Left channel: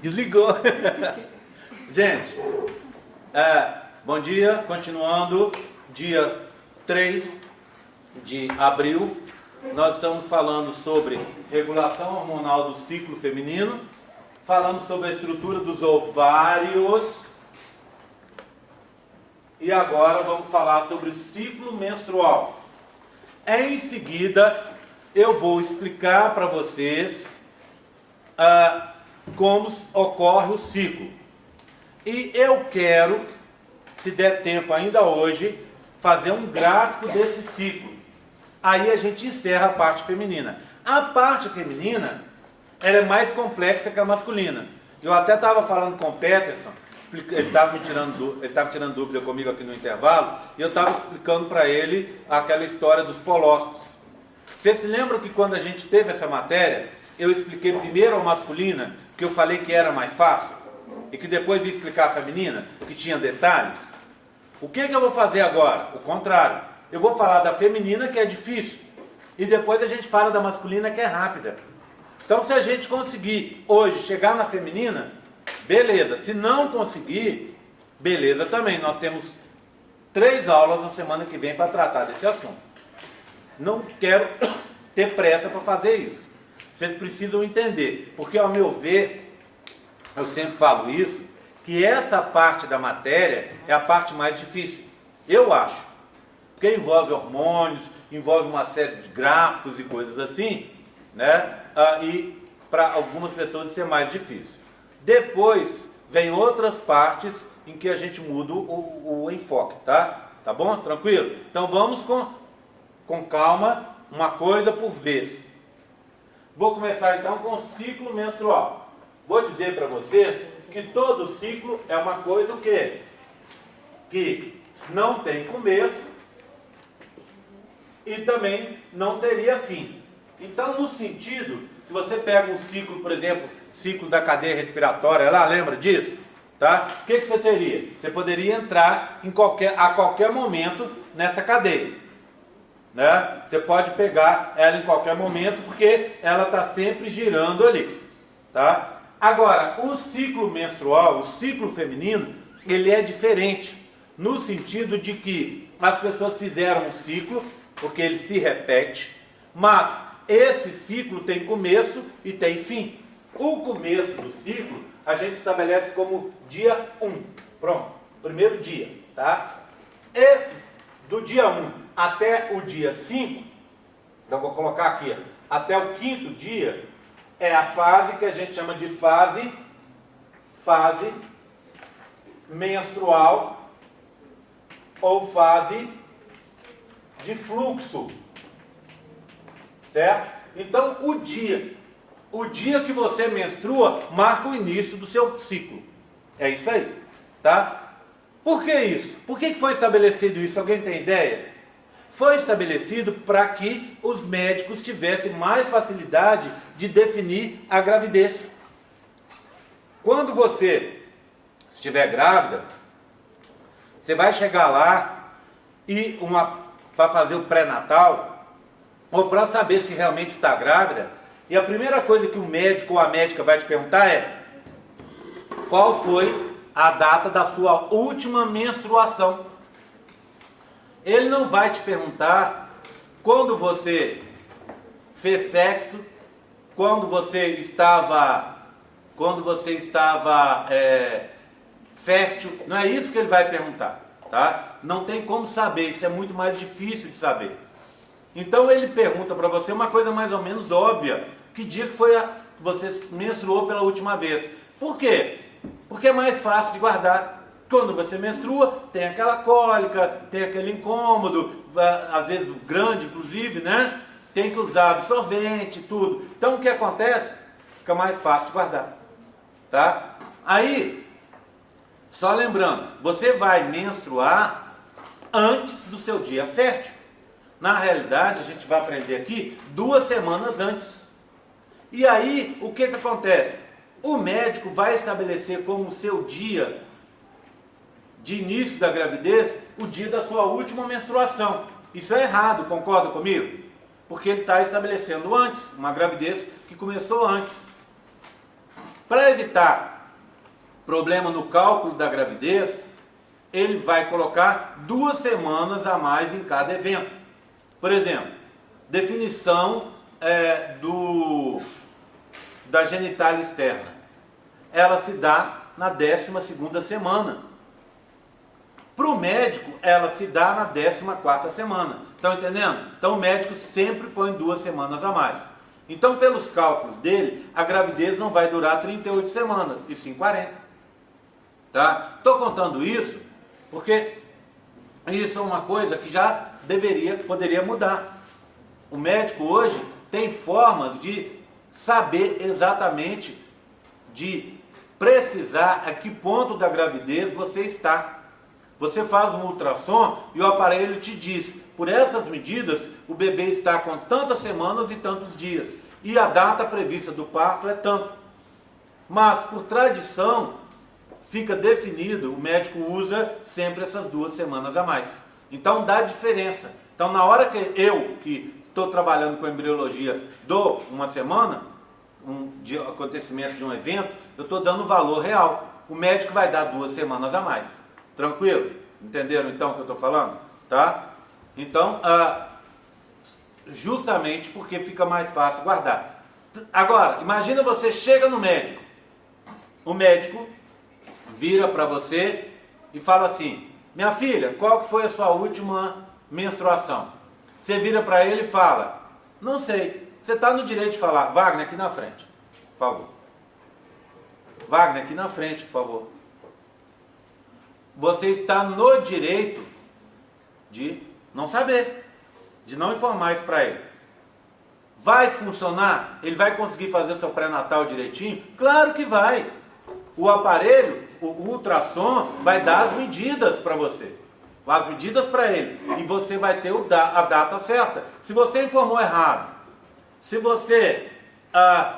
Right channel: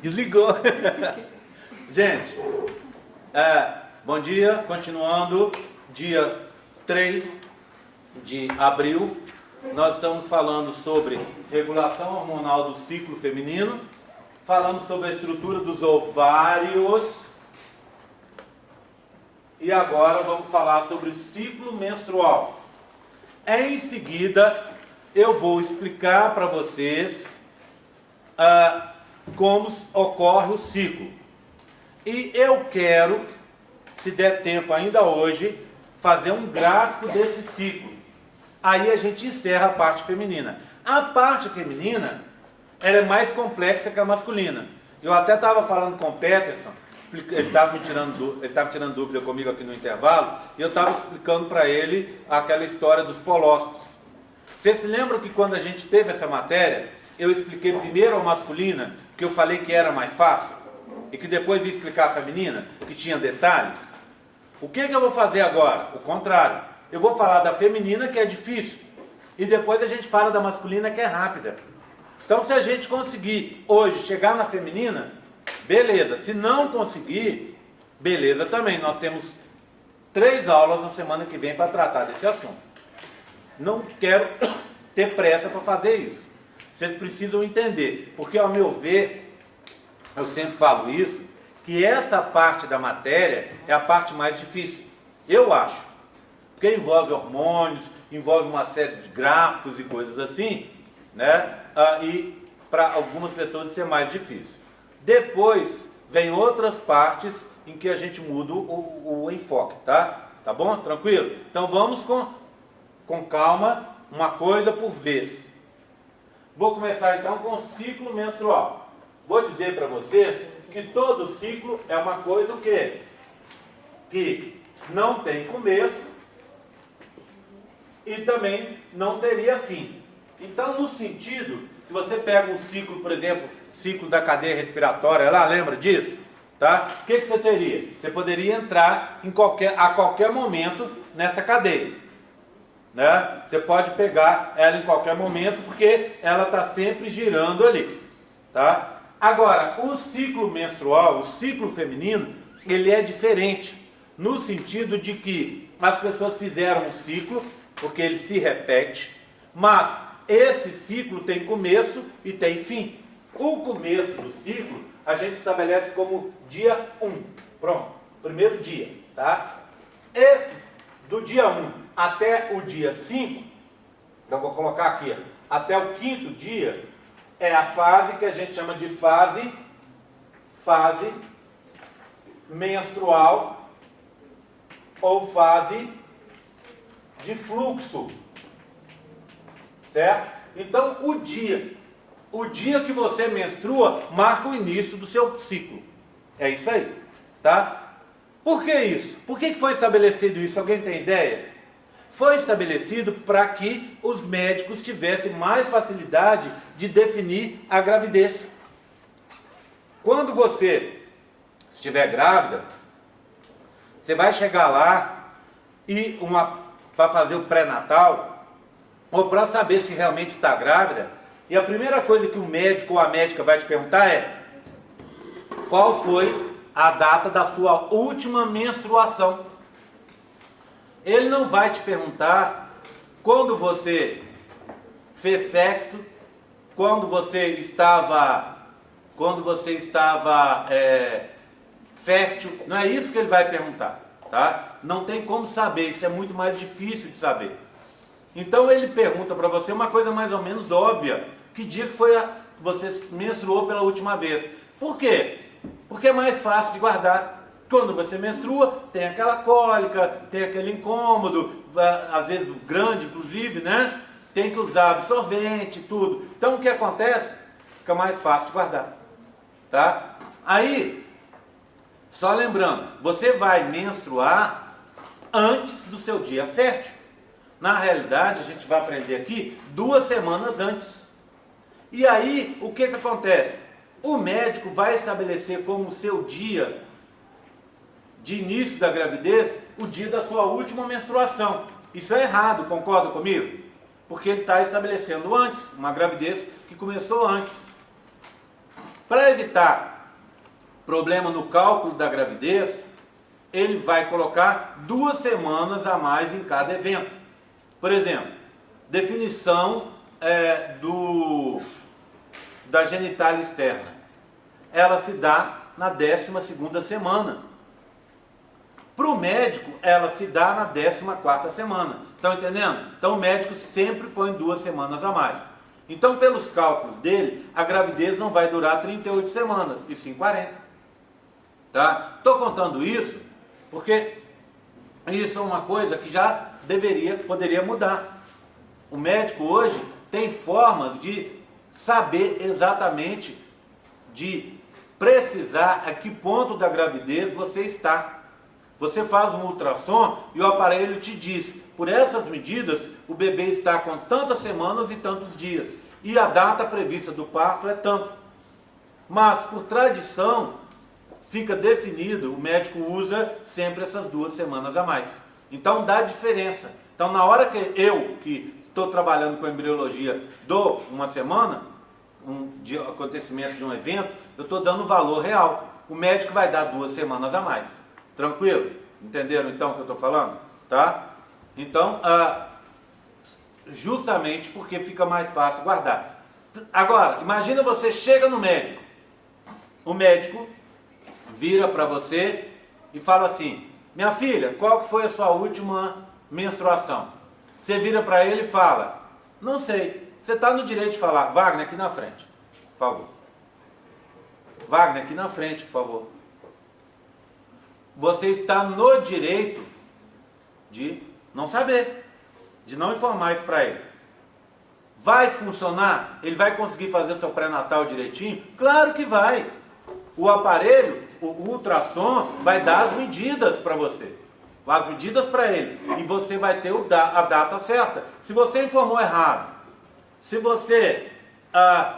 Desligou. Gente, bom dia, continuando, dia 3 de abril, nós estamos falando sobre regulação hormonal do ciclo feminino, falamos sobre a estrutura dos ovários, e agora vamos falar sobre o ciclo menstrual. Em seguida, eu vou explicar para vocês como ocorre o ciclo. E eu quero, se der tempo ainda hoje, fazer um gráfico desse ciclo. Aí a gente encerra a parte feminina. A parte feminina, ela é mais complexa que a masculina. Eu até estava falando com o Peterson, ele estava tirando dúvida comigo aqui no intervalo, e eu estava explicando para ele aquela história dos colócitos. Vocês se lembram que quando a gente teve essa matéria, eu expliquei primeiro a masculina, que eu falei que era mais fácil, e que depois ia explicar a feminina, que tinha detalhes? O que eu vou fazer agora? O contrário. Eu vou falar da feminina, que é difícil, e depois a gente fala da masculina, que é rápida. Então, se a gente conseguir hoje chegar na feminina, beleza. Se não conseguir, beleza também. Nós temos 3 aulas na semana que vem para tratar desse assunto. Não quero ter pressa para fazer isso. Vocês precisam entender, porque ao meu ver, eu sempre falo isso, que essa parte da matéria é a parte mais difícil. Eu acho. Porque envolve hormônios, envolve uma série de gráficos e coisas assim, né? E para algumas pessoas isso é mais difícil. Depois vem outras partes em que a gente muda o enfoque, tá? Tá bom? Tranquilo? Então vamos com calma, uma coisa por vez. Vou começar então com o ciclo menstrual. Vou dizer para vocês que todo ciclo é uma coisa o quê? Que não tem começo e também não teria fim. Então, no sentido, se você pega um ciclo, por exemplo, ciclo da cadeia respiratória, lá, lembra disso? Tá? O que você teria? Você poderia entrar a qualquer momento nessa cadeia. Né? Você pode pegar ela em qualquer momento, porque ela está sempre girando ali. Tá? Agora, o ciclo menstrual, o ciclo feminino, ele é diferente, no sentido de que as pessoas fizeram um ciclo, porque ele se repete, mas esse ciclo tem começo e tem fim. O começo do ciclo a gente estabelece como dia 1. Pronto, primeiro dia, tá? Esse do dia 1 até o dia 5, eu vou colocar aqui, ó, até o 5º dia, é a fase que a gente chama de fase menstrual ou fase de fluxo. Certo? Então, o dia que você menstrua marca o início do seu ciclo. É isso aí, tá? Por que isso? Por que foi estabelecido isso? Alguém tem ideia? Foi estabelecido para que os médicos tivessem mais facilidade de definir a gravidez. Quando você estiver grávida, você vai chegar lá e para fazer o pré-natal, ou para saber se realmente está grávida, e a primeira coisa que o médico ou a médica vai te perguntar é: qual foi a data da sua última menstruação? Ele não vai te perguntar quando você fez sexo, quando você estava fértil. Não é isso que ele vai perguntar, tá? Não tem como saber, isso é muito mais difícil de saber. Então ele pergunta para você uma coisa mais ou menos óbvia: que dia que foi você menstruou pela última vez? Por quê? Porque é mais fácil de guardar. Quando você menstrua, tem aquela cólica, tem aquele incômodo, às vezes grande inclusive, né? Tem que usar absorvente, tudo. Então o que acontece? Fica mais fácil de guardar, tá? Aí, só lembrando, você vai menstruar antes do seu dia fértil. Na realidade, a gente vai aprender aqui 2 semanas antes. E aí, o que acontece? O médico vai estabelecer como seu dia de início da gravidez o dia da sua última menstruação. Isso é errado, concorda comigo? Porque ele está estabelecendo antes, uma gravidez que começou antes. Para evitar problema no cálculo da gravidez, ele vai colocar 2 semanas a mais em cada evento. Por exemplo, definição da genitália externa. Ela se dá na 12ª semana. Para o médico, ela se dá na 14ª semana. Estão entendendo? Então o médico sempre põe 2 semanas a mais. Então, pelos cálculos dele, a gravidez não vai durar 38 semanas, e sim 40. Tá? Estou contando isso porque isso é uma coisa que já poderia mudar. O médico hoje tem formas de saber exatamente, de precisar a que ponto da gravidez você está. Você faz um ultrassom e o aparelho te diz, por essas medidas, o bebê está com tantas semanas e tantos dias. E a data prevista do parto é tanto. Mas, por tradição, fica definido, o médico usa sempre essas 2 semanas a mais. Então, dá diferença. Então, na hora que eu, que estou trabalhando com embriologia, dou uma semana, de acontecimento de um evento, eu estou dando valor real. O médico vai dar 2 semanas a mais. Tranquilo? Entenderam então o que eu estou falando? Tá? Então, justamente porque fica mais fácil guardar. Agora, imagina você chega no médico. O médico vira para você e fala assim, minha filha, qual que foi a sua última menstruação? Você vira para ele e fala, não sei. Você está no direito de falar, Wagner, aqui na frente, por favor. Wagner, aqui na frente, por favor. Você está no direito de não saber, de não informar isso para ele. Vai funcionar? Ele vai conseguir fazer o seu pré-natal direitinho? Claro que vai. O aparelho, o ultrassom, vai dar as medidas para você. As medidas para ele. E você vai ter a data certa. Se você informou errado, se você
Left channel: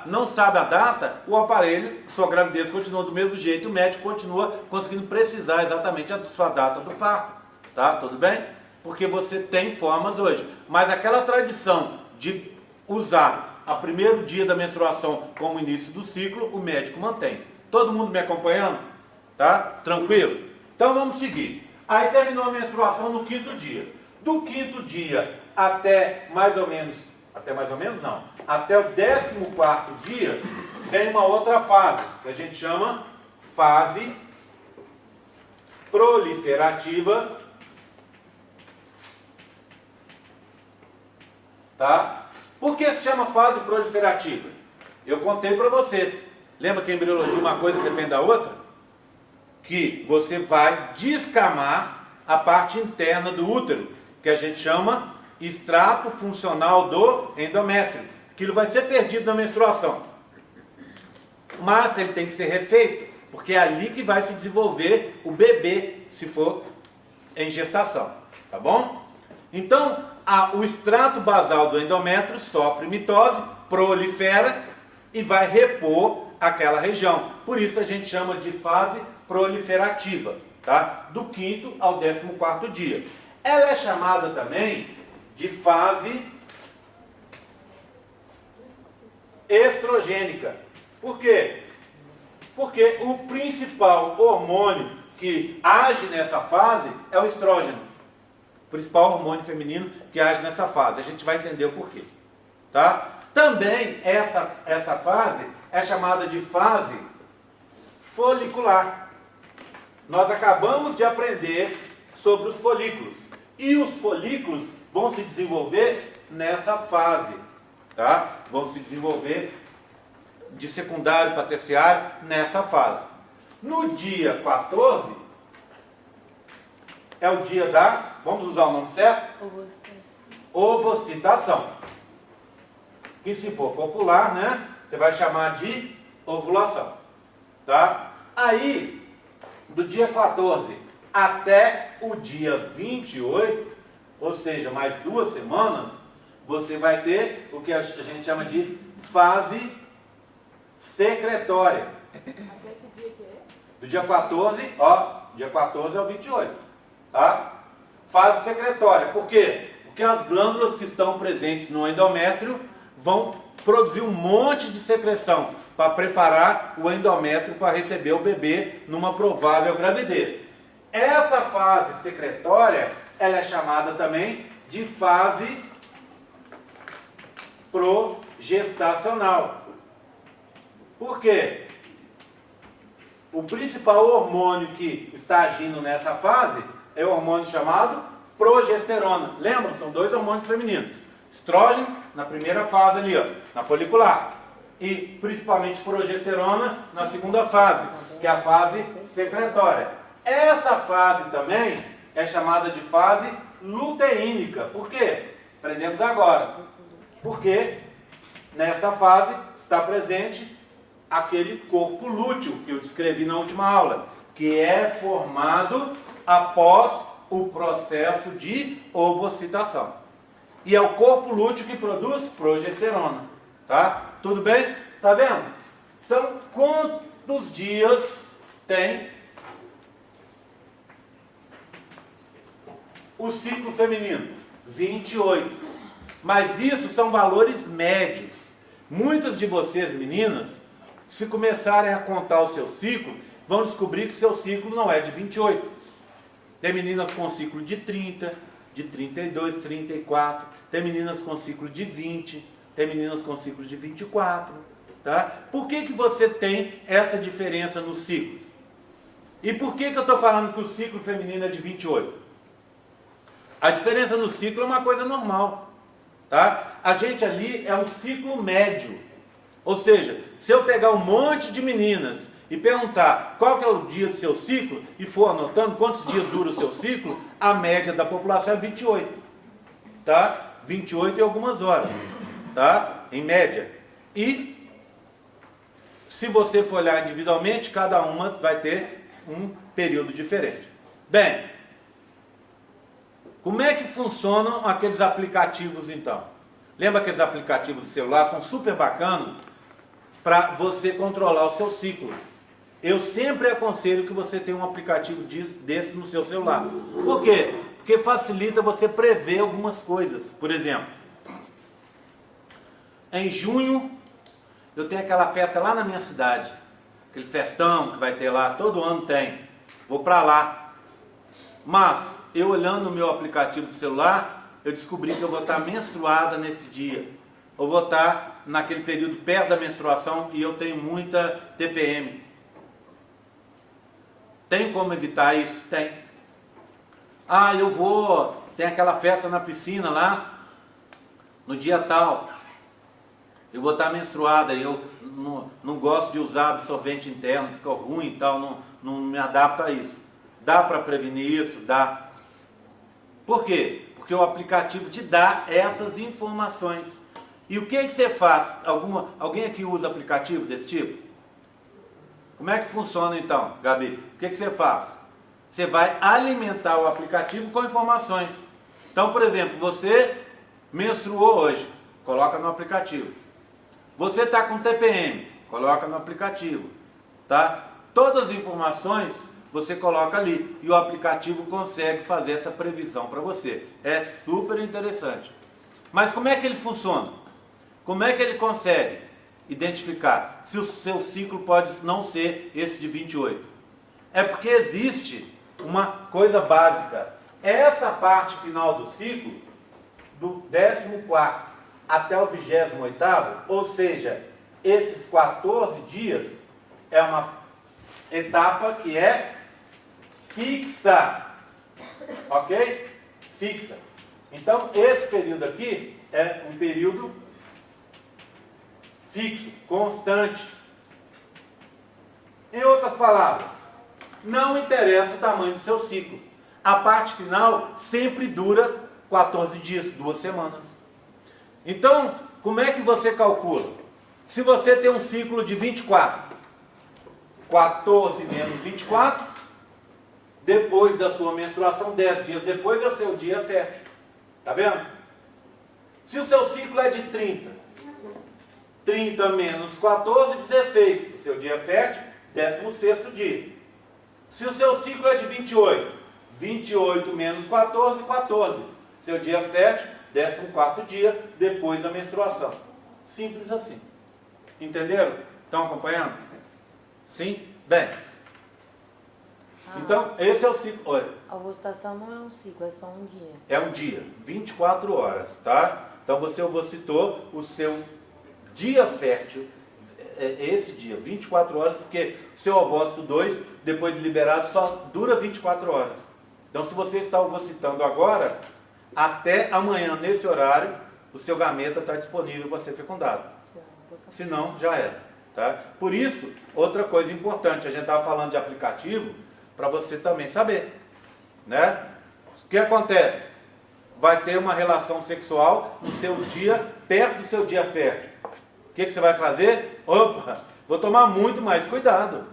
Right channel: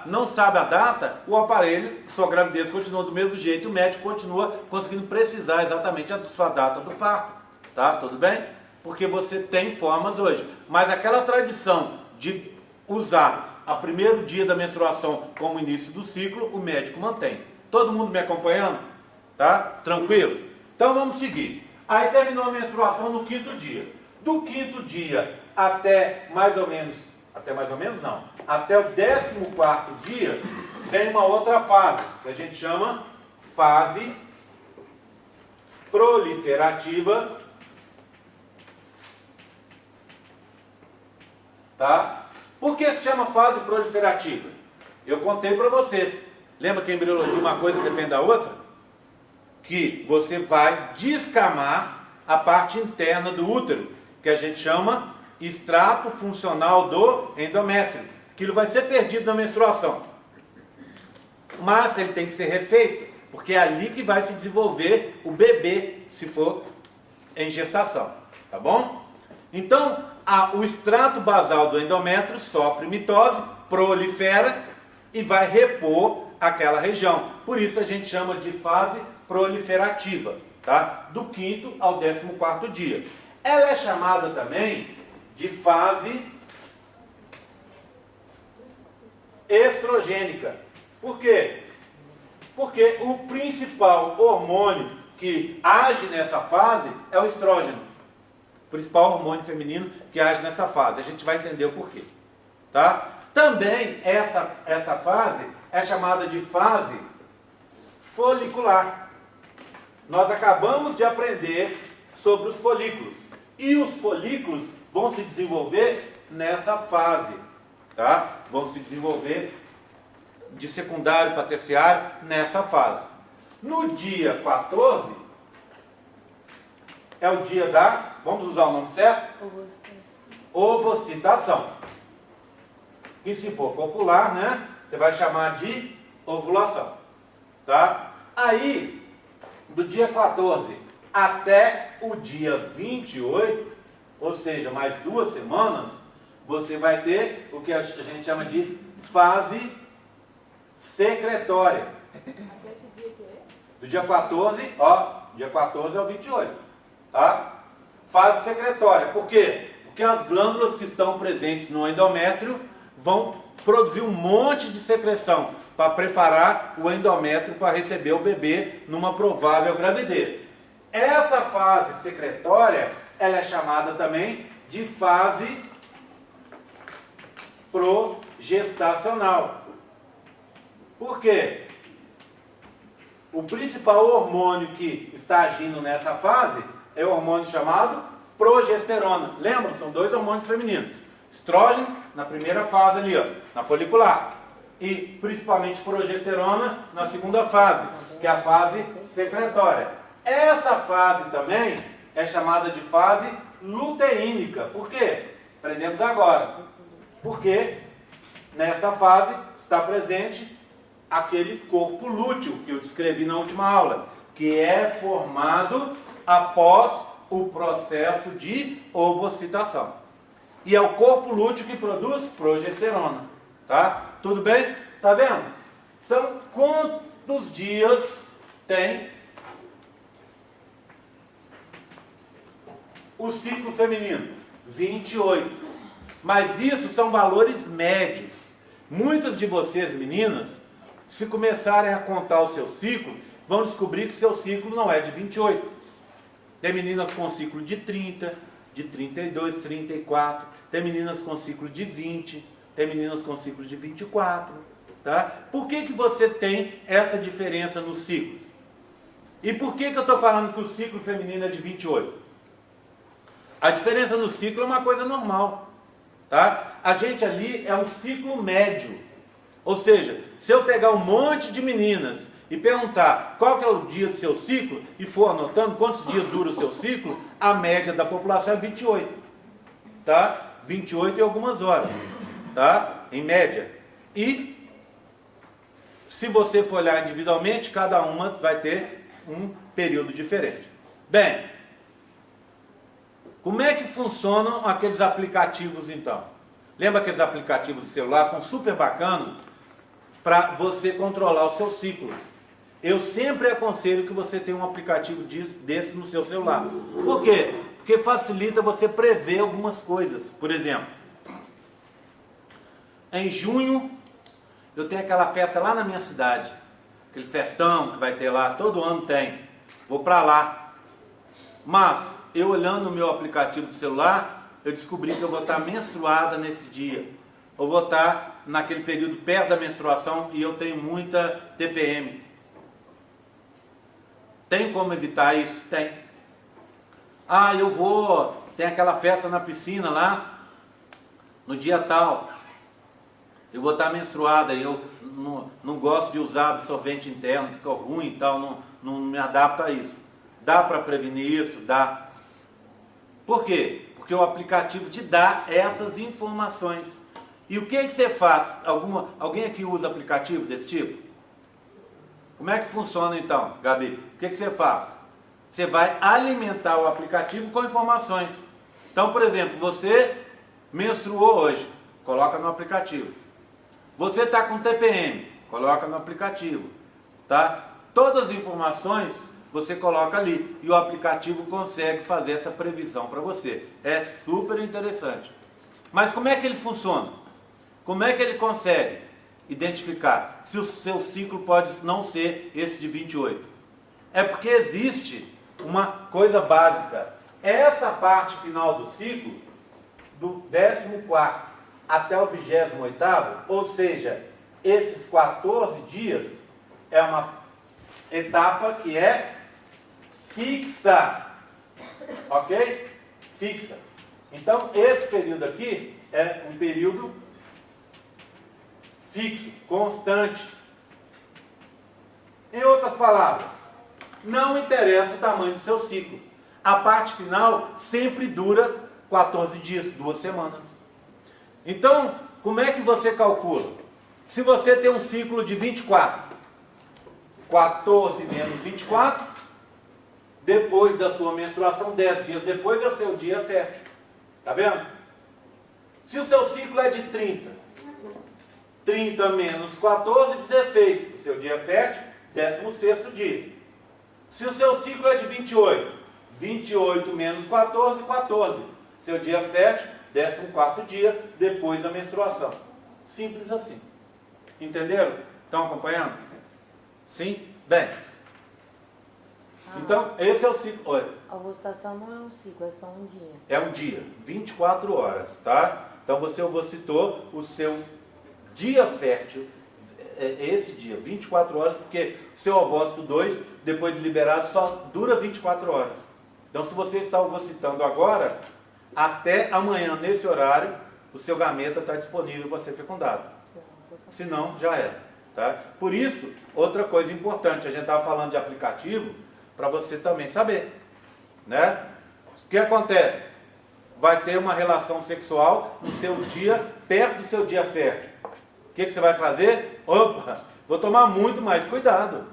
não sabe a data, o aparelho, sua gravidez continua do mesmo jeito, o médico continua conseguindo precisar exatamente a sua data do parto. Tá? Tudo bem? Porque você tem formas hoje. Mas aquela tradição de usar o primeiro dia da menstruação como início do ciclo, o médico mantém. Todo mundo me acompanhando? Tá? Tranquilo? Então vamos seguir. Aí terminou a menstruação no 5º dia. Do 5º dia até mais ou menos não, até o 14º dia, vem uma outra fase, que a gente chama fase proliferativa. Tá? Por que se chama fase proliferativa? Eu contei para vocês. Lembra que em embriologia uma coisa depende da outra? Que você vai descamar a parte interna do útero, que a gente chama extrato funcional do endométrio. Aquilo vai ser perdido na menstruação. Mas ele tem que ser refeito, porque é ali que vai se desenvolver o bebê, se for em gestação. Tá bom? Então, o extrato basal do endométrio sofre mitose, prolifera e vai repor aquela região. Por isso a gente chama de fase proliferativa, tá? Do 5º ao 14º dia. Ela é chamada também de fase estrogênica. Por quê? Porque o principal hormônio que age nessa fase é o estrógeno. O principal hormônio feminino que age nessa fase. A gente vai entender o porquê. Tá? Também essa fase é chamada de fase folicular. Nós acabamos de aprender sobre os folículos. E os folículos vão se desenvolver nessa fase. Tá? Vão se desenvolver de secundário para terciário nessa fase. No dia 14, é o dia da, vamos usar o nome certo? Ovocitação. E se for popular, né, você vai chamar de ovulação. Tá? Aí, do dia 14 até o dia 28, ou seja, mais 2 semanas, você vai ter o que a gente chama de fase secretória. Até que dia que é? Do dia 14, dia 14 ao 28, tá? Fase secretória. Por quê? Porque as glândulas que estão presentes no endométrio vão produzir um monte de secreção. para preparar o endométrio para receber o bebê numa provável gravidez. Essa fase secretória, ela é chamada também de fase progestacional. Por quê? O principal hormônio que está agindo nessa fase é o hormônio chamado progesterona. Lembram? São dois hormônios femininos. Estrógeno na primeira fase ali, ó, na folicular. E principalmente progesterona na segunda fase, que é a fase secretória. Essa fase também é chamada de fase luteínica. Por quê? Aprendemos agora. Porque nessa fase está presente aquele corpo lúteo que eu descrevi na última aula, que é formado após o processo de ovocitação. E é o corpo lúteo que produz progesterona. Tá? Tudo bem? Tá vendo? Então, quantos dias tem o ciclo feminino? 28. Mas isso são valores médios. Muitas de vocês, meninas, se começarem a contar o seu ciclo, vão descobrir que seu ciclo não é de 28. Tem meninas com ciclo de 30, de 32, 34. Tem meninas com ciclo de 20. Tem meninas com ciclo de 24. Tá? Por que você tem essa diferença nos ciclos? E por que eu estou falando que o ciclo feminino é de 28? A diferença no ciclo é uma coisa normal. Tá? A gente ali é um ciclo médio. Ou seja, se eu pegar um monte de meninas e perguntar qual que é o dia do seu ciclo, e for anotando quantos dias dura o seu ciclo, a média da população é 28. Tá? 28 e algumas horas. Tá? Em média. E se você for olhar individualmente, cada uma vai ter um período diferente. Bem, como é que funcionam aqueles aplicativos então? Lembra aqueles aplicativos de celular? São super bacanas para você controlar o seu ciclo. Eu sempre aconselho que você tenha um aplicativo desse no seu celular. Por quê? Porque facilita você prever algumas coisas. Por exemplo, em junho eu tenho aquela festa lá na minha cidade. Aquele festão que vai ter lá, todo ano tem. Vou para lá. Mas, eu olhando o meu aplicativo do celular, eu descobri que eu vou estar menstruada nesse dia. Eu vou estar naquele período perto da menstruação e eu tenho muita TPM. Tem como evitar isso? Tem. Ah, tem aquela festa na piscina lá, no dia tal. Eu vou estar menstruada e eu não gosto de usar absorvente interno, fica ruim e tal, não me adapto a isso. Dá para prevenir isso? Dá. Por quê? Porque o aplicativo te dá essas informações. E o que você faz? Alguém aqui usa aplicativo desse tipo? Como é que funciona então, Gabi? O que você faz? Você vai alimentar o aplicativo com informações. Então, por exemplo, você menstruou hoje, coloca no aplicativo. Você está com TPM, coloca no aplicativo. Tá? Todas as informações você coloca ali e o aplicativo consegue fazer essa previsão para você. É super interessante. Mas como é que ele funciona? Como é que ele consegue identificar se o seu ciclo pode não ser esse de 28? É porque existe uma coisa básica. Essa parte final do ciclo, do 14º até o 28º, ou seja, esses 14 dias, é uma etapa que é fixa. Ok? Fixa. Então, esse período aqui é um período fixo, constante. Em outras palavras, não interessa o tamanho do seu ciclo. A parte final sempre dura 14 dias, 2 semanas. Então, como é que você calcula? Se você tem um ciclo de 24, 14 menos 24, depois da sua menstruação, 10 dias depois é o seu dia fértil. Tá vendo? Se o seu ciclo é de 30, 30 menos 14, 16. O seu dia fértil, 16º dia. Se o seu ciclo é de 28, 28 menos 14, 14. Seu dia fértil, 14º dia depois da menstruação. Simples assim. Entenderam? Estão acompanhando? Sim? Bem. Então, esse é o ciclo. Olha, A ovulação não é um ciclo, é só um dia. é um dia, 24 horas, tá? Então você ovocitou o seu dia fértil, esse dia, 24 horas, porque o seu ovócito 2, depois de liberado, só dura 24 horas. Então se você está ovocitando agora, até amanhã, nesse horário, o seu gameta está disponível para ser fecundado. Se não, já era. Tá? Por isso, outra coisa importante, a gente estava falando de aplicativo, para você também saber. Né? O que acontece? Vai ter uma relação sexual no seu dia, perto do seu dia fértil. O que você vai fazer? Opa, vou tomar muito mais cuidado.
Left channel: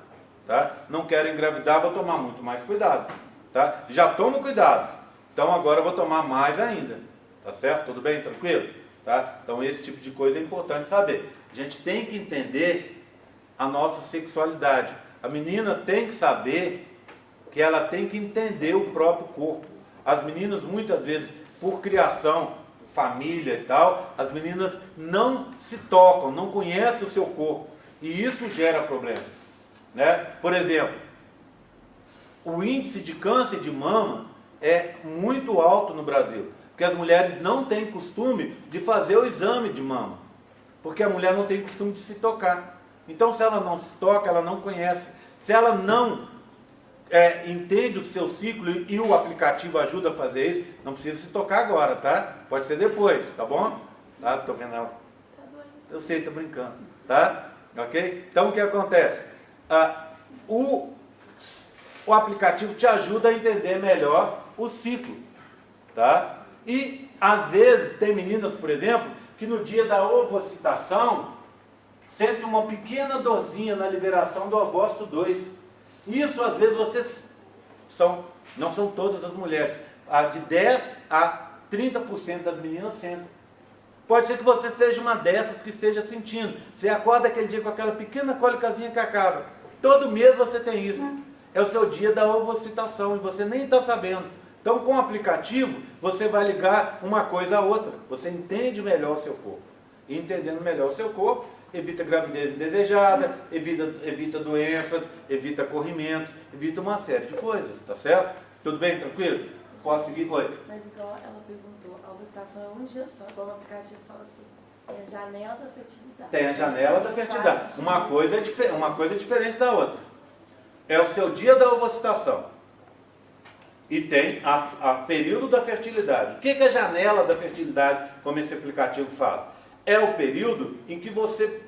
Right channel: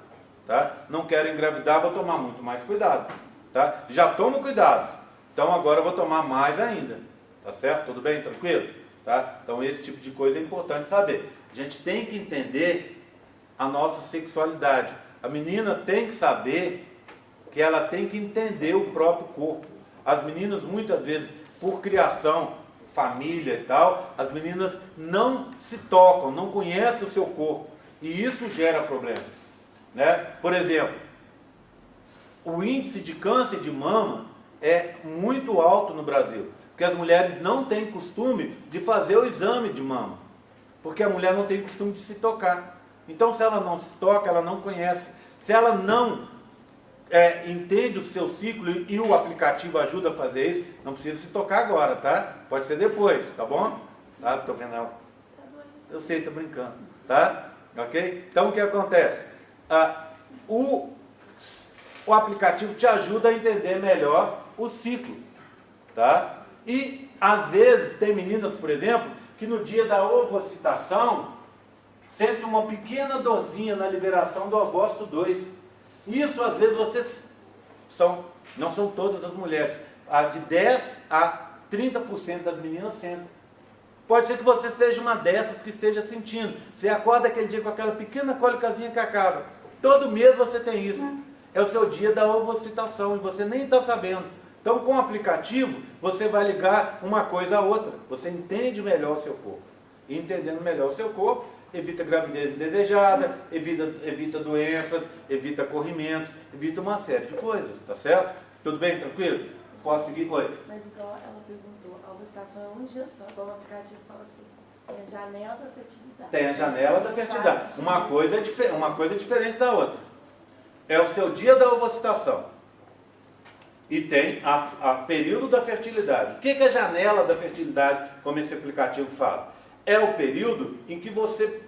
Tá? Não quero engravidar, vou tomar muito mais cuidado. Tá? Já tomo cuidados, então agora eu vou tomar mais ainda. Tá certo? Tudo bem? Tranquilo? Tá? Então esse tipo de coisa é importante saber. A gente tem que entender a nossa sexualidade. A menina tem que saber que ela tem que entender o próprio corpo. As meninas, muitas vezes, por criação, família e tal, as meninas não se tocam, não conhecem o seu corpo. E isso gera problemas. Né? Por exemplo, o índice de câncer de mama é muito alto no Brasil. Porque as mulheres não têm costume de fazer o exame de mama. Porque a mulher não tem costume de se tocar. Então, se ela não se toca, ela não conhece. Se ela não entende o seu ciclo e o aplicativo ajuda a fazer isso, não precisa se tocar agora, tá? Pode ser depois, tá bom? Tá? Tô vendo ela. Eu sei, tô brincando, tá? Ok? Então, o que acontece? O aplicativo te ajuda a entender melhor o ciclo, tá? E, às vezes, tem meninas, por exemplo, que no dia da ovocitação sente uma pequena dorzinha na liberação do ovócito 2. Isso, às vezes, não são todas as mulheres, de 10 a 30% das meninas sentem. Pode ser que você seja uma dessas que esteja sentindo. Você acorda aquele dia com aquela pequena cólicazinha que acaba. Todo mês você tem isso. É o seu dia da ovocitação e você nem está sabendo. Então, com o aplicativo, você vai ligar uma coisa a outra. Você entende melhor o seu corpo. E entendendo melhor o seu corpo, evita gravidez indesejada, evita doenças, evita corrimentos, evita uma série de coisas, tá certo? Tudo bem, tranquilo? Posso seguir? Oi. Mas igual ela perguntou, a ovulação é um dia só, igual o aplicativo fala assim, tem a janela da fertilidade. Tem a janela da fertilidade. Uma coisa é diferente da outra. É o seu dia da ovocitação. E tem a período da fertilidade. O que é a janela da fertilidade, como esse aplicativo fala? É o período em que você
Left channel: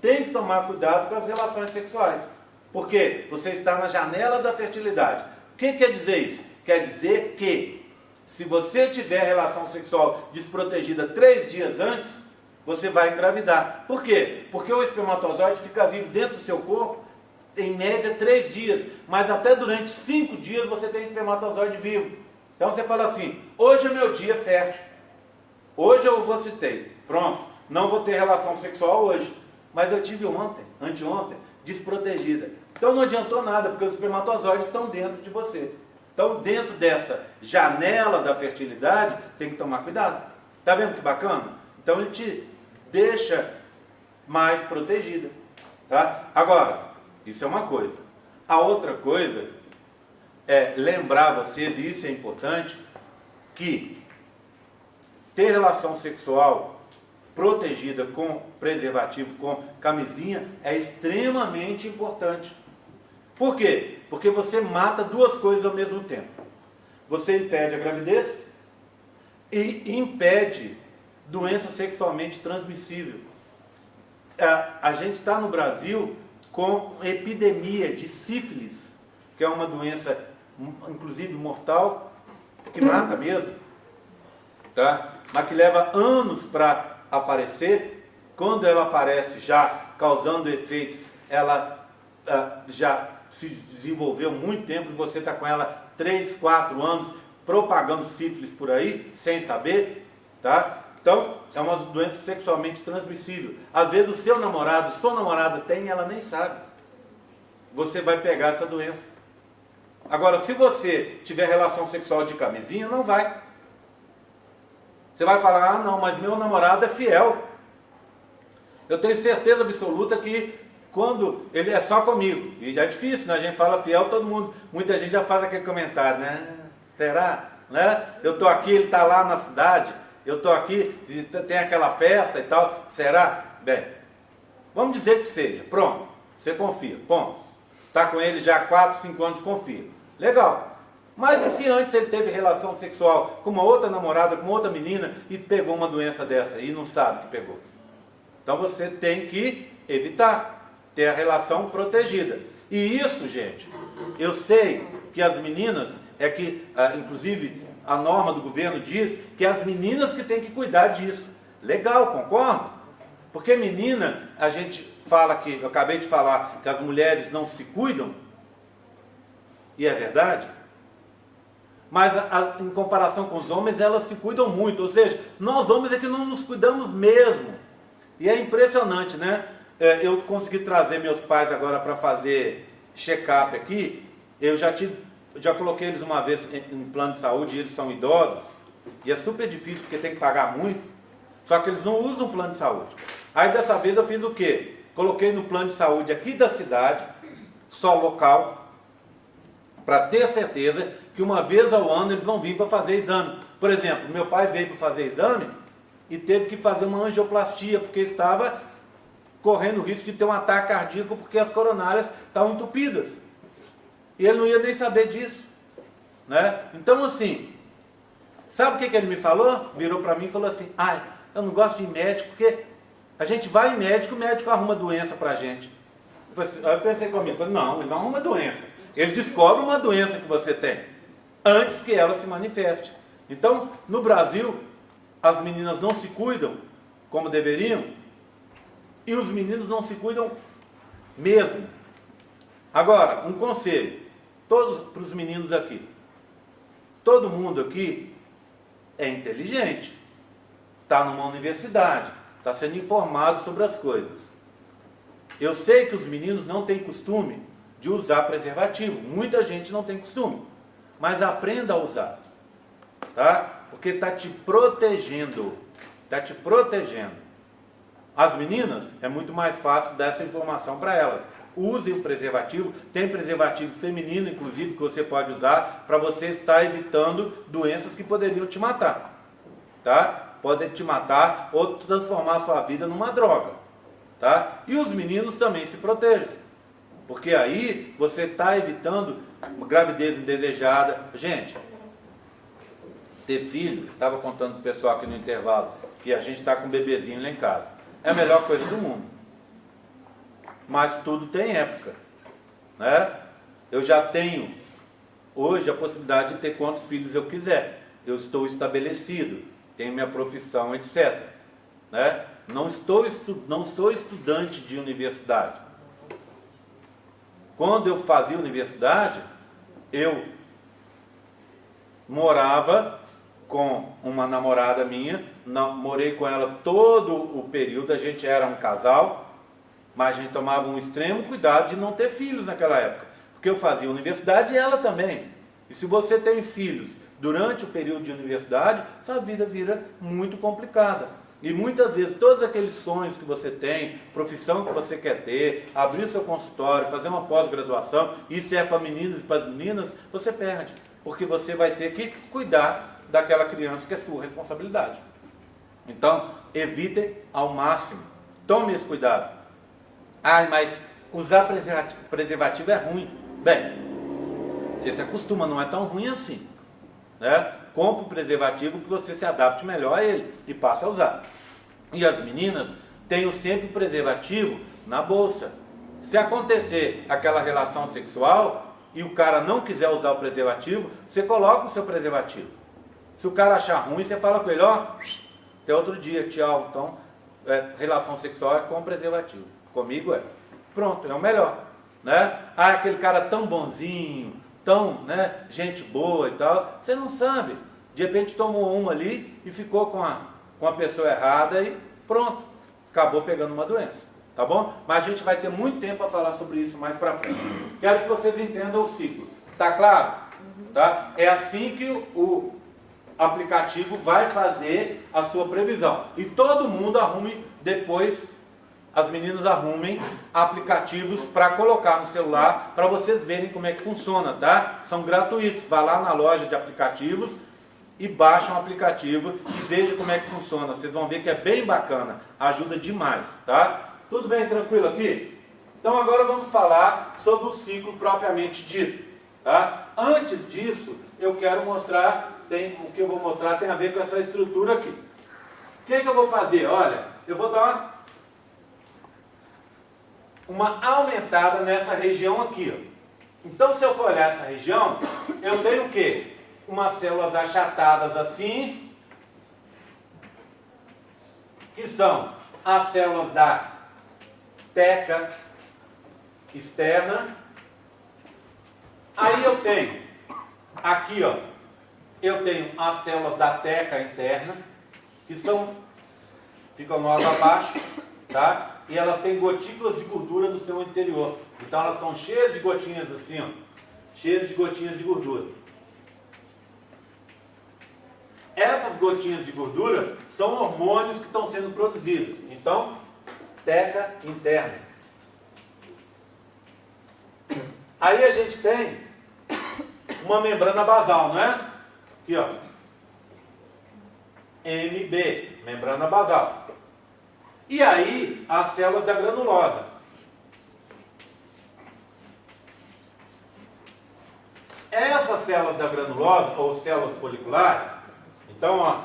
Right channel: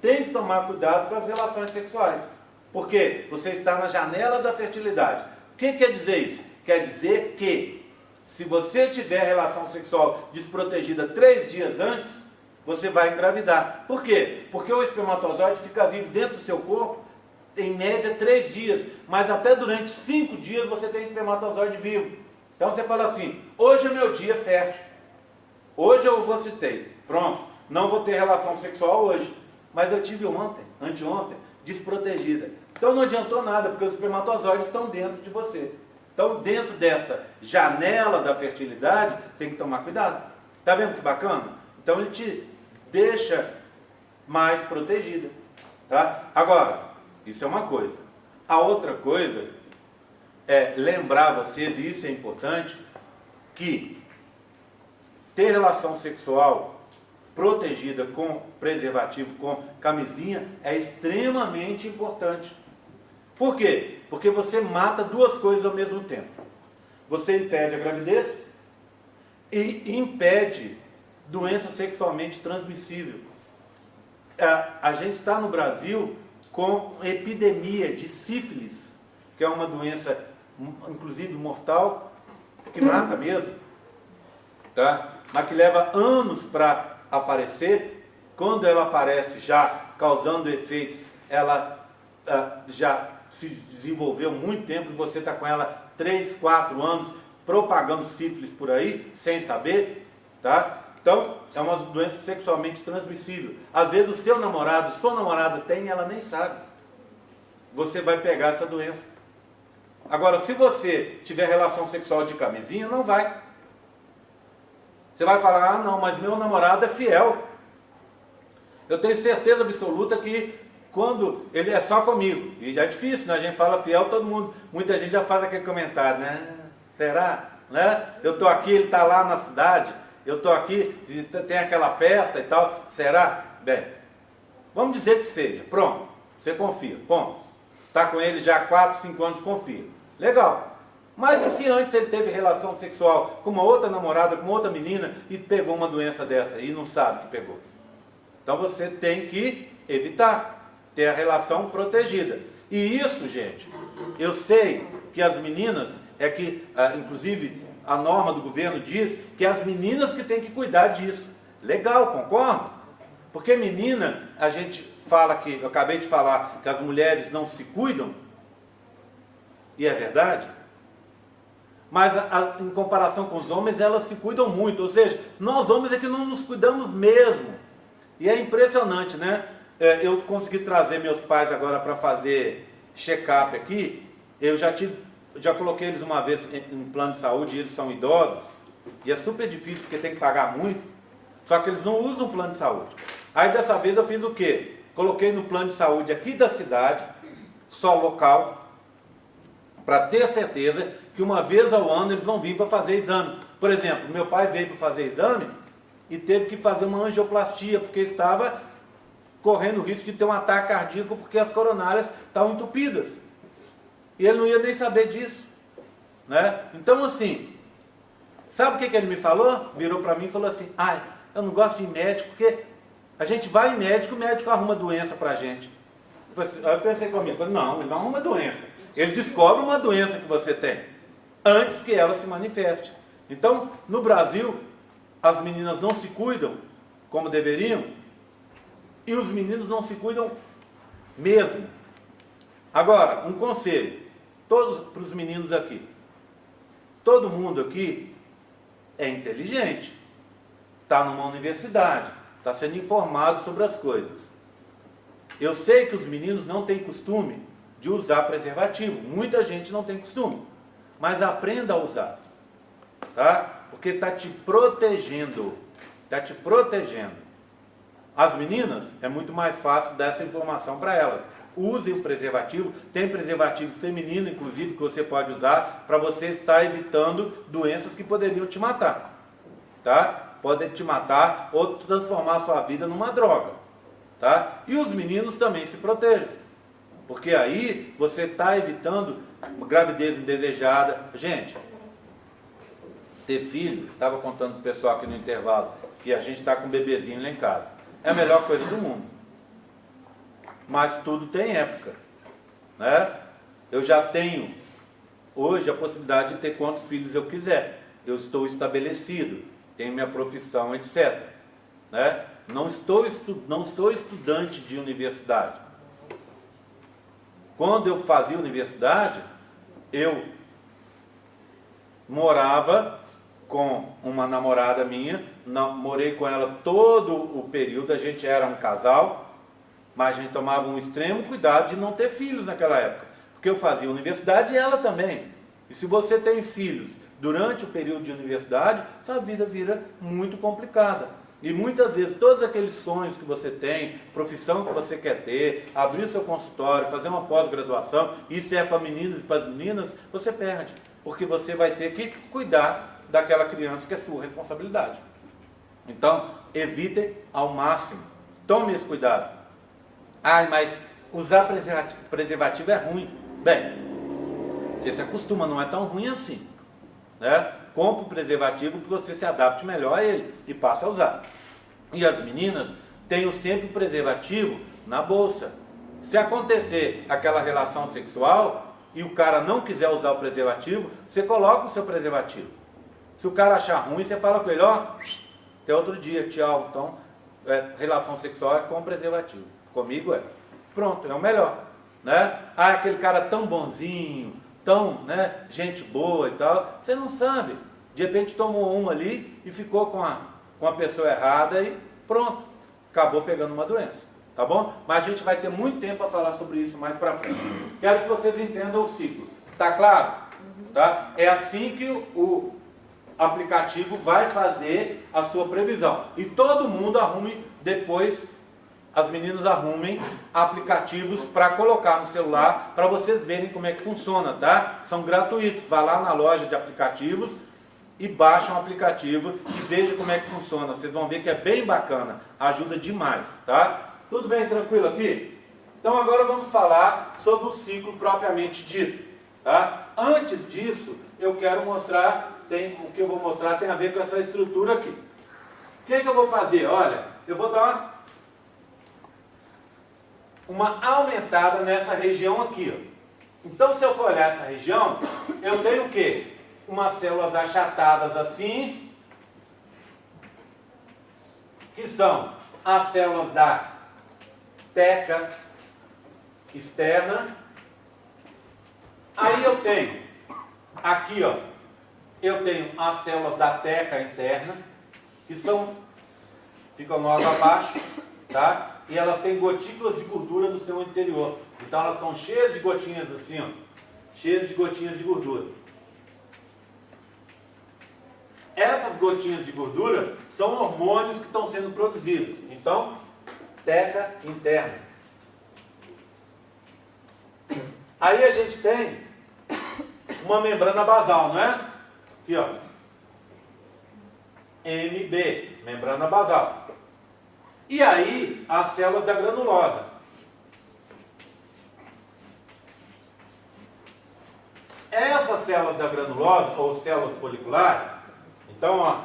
tem que tomar cuidado com as relações sexuais. Porque você está na janela da fertilidade. O que quer dizer isso? Quer dizer que, se você tiver relação sexual desprotegida 3 dias antes, você vai engravidar. Por quê? Porque o espermatozoide fica vivo dentro do seu corpo, em média 3 dias. Mas até durante 5 dias você tem espermatozoide vivo. Então você fala assim, hoje é meu dia fértil. Hoje eu ovocitei. Pronto. Não vou ter relação sexual hoje, mas eu tive ontem, anteontem, desprotegida. Então não adiantou nada, porque os espermatozoides estão dentro de você. Então, dentro dessa janela da fertilidade, tem que tomar cuidado. Tá vendo que bacana? Então ele te deixa mais protegida. Tá? Agora, isso é uma coisa. A outra coisa é lembrar vocês, e isso é importante, que ter relação sexual protegida com preservativo, com camisinha, é extremamente importante. Por quê? Porque você mata 2 coisas ao mesmo tempo. Você impede a gravidez e impede doença sexualmente transmissível. A gente está no Brasil com epidemia de sífilis, que é uma doença, inclusive mortal, que mata mesmo, tá? Mas que leva anos para aparecer. Quando ela aparece já causando efeitos, ela já se desenvolveu muito tempo e você está com ela 3, 4 anos propagando sífilis por aí, sem saber, tá? Então, é uma doença sexualmente transmissível. Às vezes o seu namorado, sua namorada tem e ela nem sabe. Você vai pegar essa doença. Agora, se você tiver relação sexual de camisinha, não vai. Você vai falar, ah não, mas meu namorado é fiel. Eu tenho certeza absoluta que quando ele é só comigo. E é difícil, né? A gente fala fiel, todo mundo, muita gente já faz aquele comentário, né? Será? Né? Eu estou aqui, ele está lá na cidade, eu estou aqui, tem aquela festa e tal, será? Bem, vamos dizer que seja, pronto, você confia, ponto. Está com ele já há 4, 5 anos, confia. Legal. Mas e se antes ele teve relação sexual com uma outra namorada, com outra menina e pegou uma doença dessa e não sabe que pegou? Então você tem que evitar, ter a relação protegida. E isso, gente, eu sei que as meninas, inclusive a norma do governo diz que as meninas que têm que cuidar disso. Legal, concordo? Porque menina, a gente fala que, eu acabei de falar, que as mulheres não se cuidam, e é verdade, mas em comparação com os homens, elas se cuidam muito, ou seja, nós homens é que não nos cuidamos mesmo. E é impressionante, né? Eu consegui trazer meus pais agora para fazer check-up aqui, eu já coloquei eles uma vez em plano de saúde, e eles são idosos, e é super difícil porque tem que pagar muito, só que eles não usam plano de saúde. Aí dessa vez eu fiz o quê? Coloquei no plano de saúde aqui da cidade, só local, para ter certeza que uma vez ao ano eles vão vir para fazer exame. Por exemplo, meu pai veio para fazer exame e teve que fazer uma angioplastia, porque estava correndo o risco de ter um ataque cardíaco, porque as coronárias estavam entupidas. E ele não ia nem saber disso. Né? Então, assim, sabe o que ele me falou? Virou para mim e falou assim, eu não gosto de ir médico, porque a gente vai em médico, o médico arruma doença para a gente. Aí eu pensei comigo, falei, não, ele não arruma doença. Ele descobre uma doença que você tem, antes que ela se manifeste. Então, no Brasil, as meninas não se cuidam como deveriam, e os meninos não se cuidam mesmo. Agora, um conselho, todos para os meninos aqui. Todo mundo aqui é inteligente, está numa universidade, está sendo informado sobre as coisas. Eu sei que os meninos não têm costume de usar preservativo, muita gente não tem costume, mas aprenda a usar, tá? Porque está te protegendo, está te protegendo. As meninas, é muito mais fácil dar essa informação para elas. Use o preservativo, tem preservativo feminino, inclusive, que você pode usar para você estar evitando doenças que poderiam te matar, tá? Podem te matar ou transformar a sua vida numa droga, tá? E os meninos também se protejam, porque aí você está evitando uma gravidez indesejada. Gente, ter filho, estava contando para o pessoal aqui no intervalo, que a gente está com um bebezinho lá em casa. É a melhor coisa do mundo. Mas tudo tem época, né? Eu já tenho hoje a possibilidade de ter quantos filhos eu quiser. Eu estou estabelecido, tenho minha profissão, etc. Né? Não sou estudante de universidade. Quando eu fazia universidade, eu morava com uma namorada minha, morei com ela todo o período, a gente era um casal, mas a gente tomava um extremo cuidado de não ter filhos naquela época, porque eu fazia universidade e ela também. E se você tem filhos durante o período de universidade, sua vida vira muito complicada. E muitas vezes todos aqueles sonhos que você tem, profissão que você quer ter, abrir seu consultório, fazer uma pós-graduação, isso é para meninos e para as meninas, você perde, porque você vai ter que cuidar daquela criança que é sua responsabilidade. Então, evitem ao máximo, tome esse cuidado. Mas usar preservativo é ruim. Bem, você se acostuma, não é tão ruim assim, né? Compre um preservativo que você se adapte melhor a ele e passe a usar. E as meninas tenham sempre o preservativo na bolsa. Se acontecer aquela relação sexual e o cara não quiser usar o preservativo, você coloca o seu preservativo. Se o cara achar ruim, você fala com ele, até outro dia, tchau. Então, relação sexual é com preservativo. Comigo é. Pronto, é o melhor. Né? Aquele cara tão bonzinho, tão, né, gente boa e tal, você não sabe. De repente tomou uma ali e ficou com a pessoa errada e pronto, acabou pegando uma doença. Tá bom? Mas a gente vai ter muito tempo para falar sobre isso mais para frente. Quero que vocês entendam o ciclo. Tá claro? Tá? É assim que o aplicativo vai fazer a sua previsão. E todo mundo arrume depois as meninas arrumem aplicativos para colocar no celular, para vocês verem como é que funciona, tá? São gratuitos. Vá lá na loja de aplicativos e baixa um aplicativo e veja como é que funciona. Vocês vão ver que é bem bacana, ajuda demais, tá? Tudo bem, tranquilo aqui? Então agora vamos falar sobre o ciclo propriamente dito, tá? Antes disso, eu quero mostrar, o que eu vou mostrar tem a ver com essa estrutura aqui. O que eu vou fazer? Olha, eu vou dar uma aumentada nessa região aqui, ó. Então, se eu for olhar essa região, eu tenho o quê? Umas células achatadas assim, que são as células da teca externa. Aí eu tenho, aqui ó, eu tenho as células da teca interna, que ficam nós abaixo, tá? E elas têm gotículas de gordura no seu interior. Então elas são cheias de gotinhas assim, ó, cheias de gotinhas de gordura. Essas gotinhas de gordura são hormônios que estão sendo produzidos. Então, teca interna. Aí a gente tem uma membrana basal, não é? Aqui, ó. MB, membrana basal. E aí, as células da granulosa. Essas células da granulosa, ou células foliculares, então, ó,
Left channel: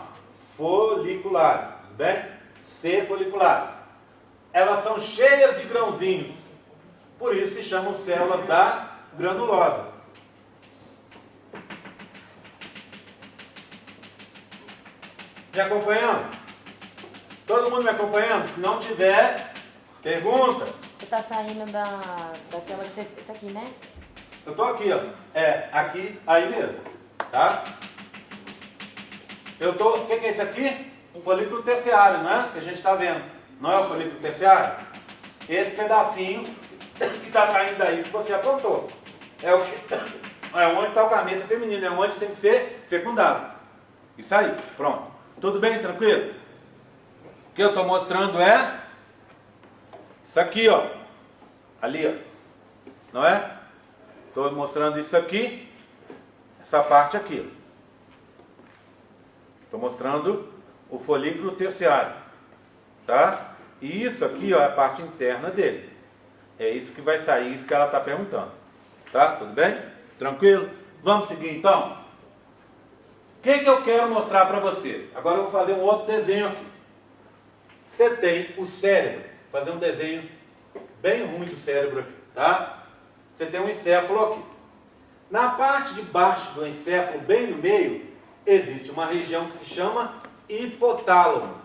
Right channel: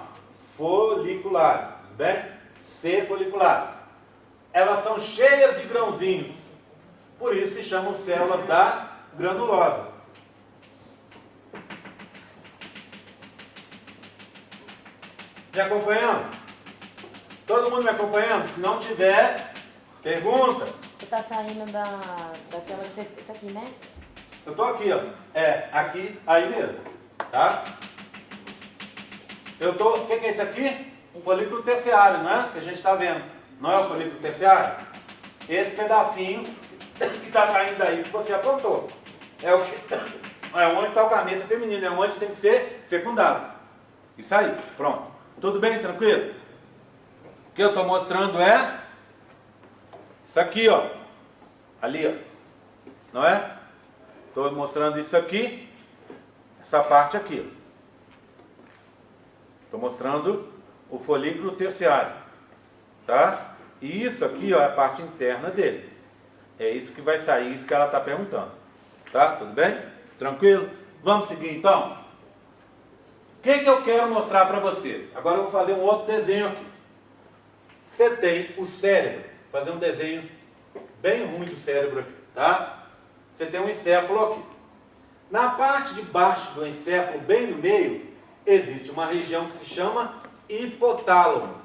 foliculares, tudo bem? C foliculares. Elas são cheias de grãozinhos. Por isso se chamam células da granulosa. Me acompanhando? Todo mundo me acompanhando? Se não tiver, pergunta. Você está saindo daquela... Isso aqui, né? Eu estou aqui, ó. É, aqui, aí mesmo. Tá? Eu estou... O que é isso aqui? Folículo terciário, não é? Que a gente está vendo. Não é o folículo terciário? Esse pedacinho que está saindo daí que você apontou. É o que... É onde está o gameta feminino. É onde tem que ser fecundado. Isso aí. Pronto. Tudo bem? Tranquilo? O que eu estou mostrando é isso aqui, ó. Ali, ó. Não é? Estou mostrando isso aqui. Essa parte aqui. Estou mostrando o folículo terciário. Tá? E isso aqui, ó, é a parte interna dele. É isso que vai sair, isso que ela está perguntando. Tá? Tudo bem? Tranquilo? Vamos seguir então? O que eu quero mostrar para vocês? Agora eu vou fazer um outro desenho aqui. Você tem o cérebro. Vou fazer um desenho bem ruim do cérebro aqui, tá? Você tem um encéfalo aqui. Na parte de baixo do encéfalo, bem no meio, existe uma região que se chama hipotálamo.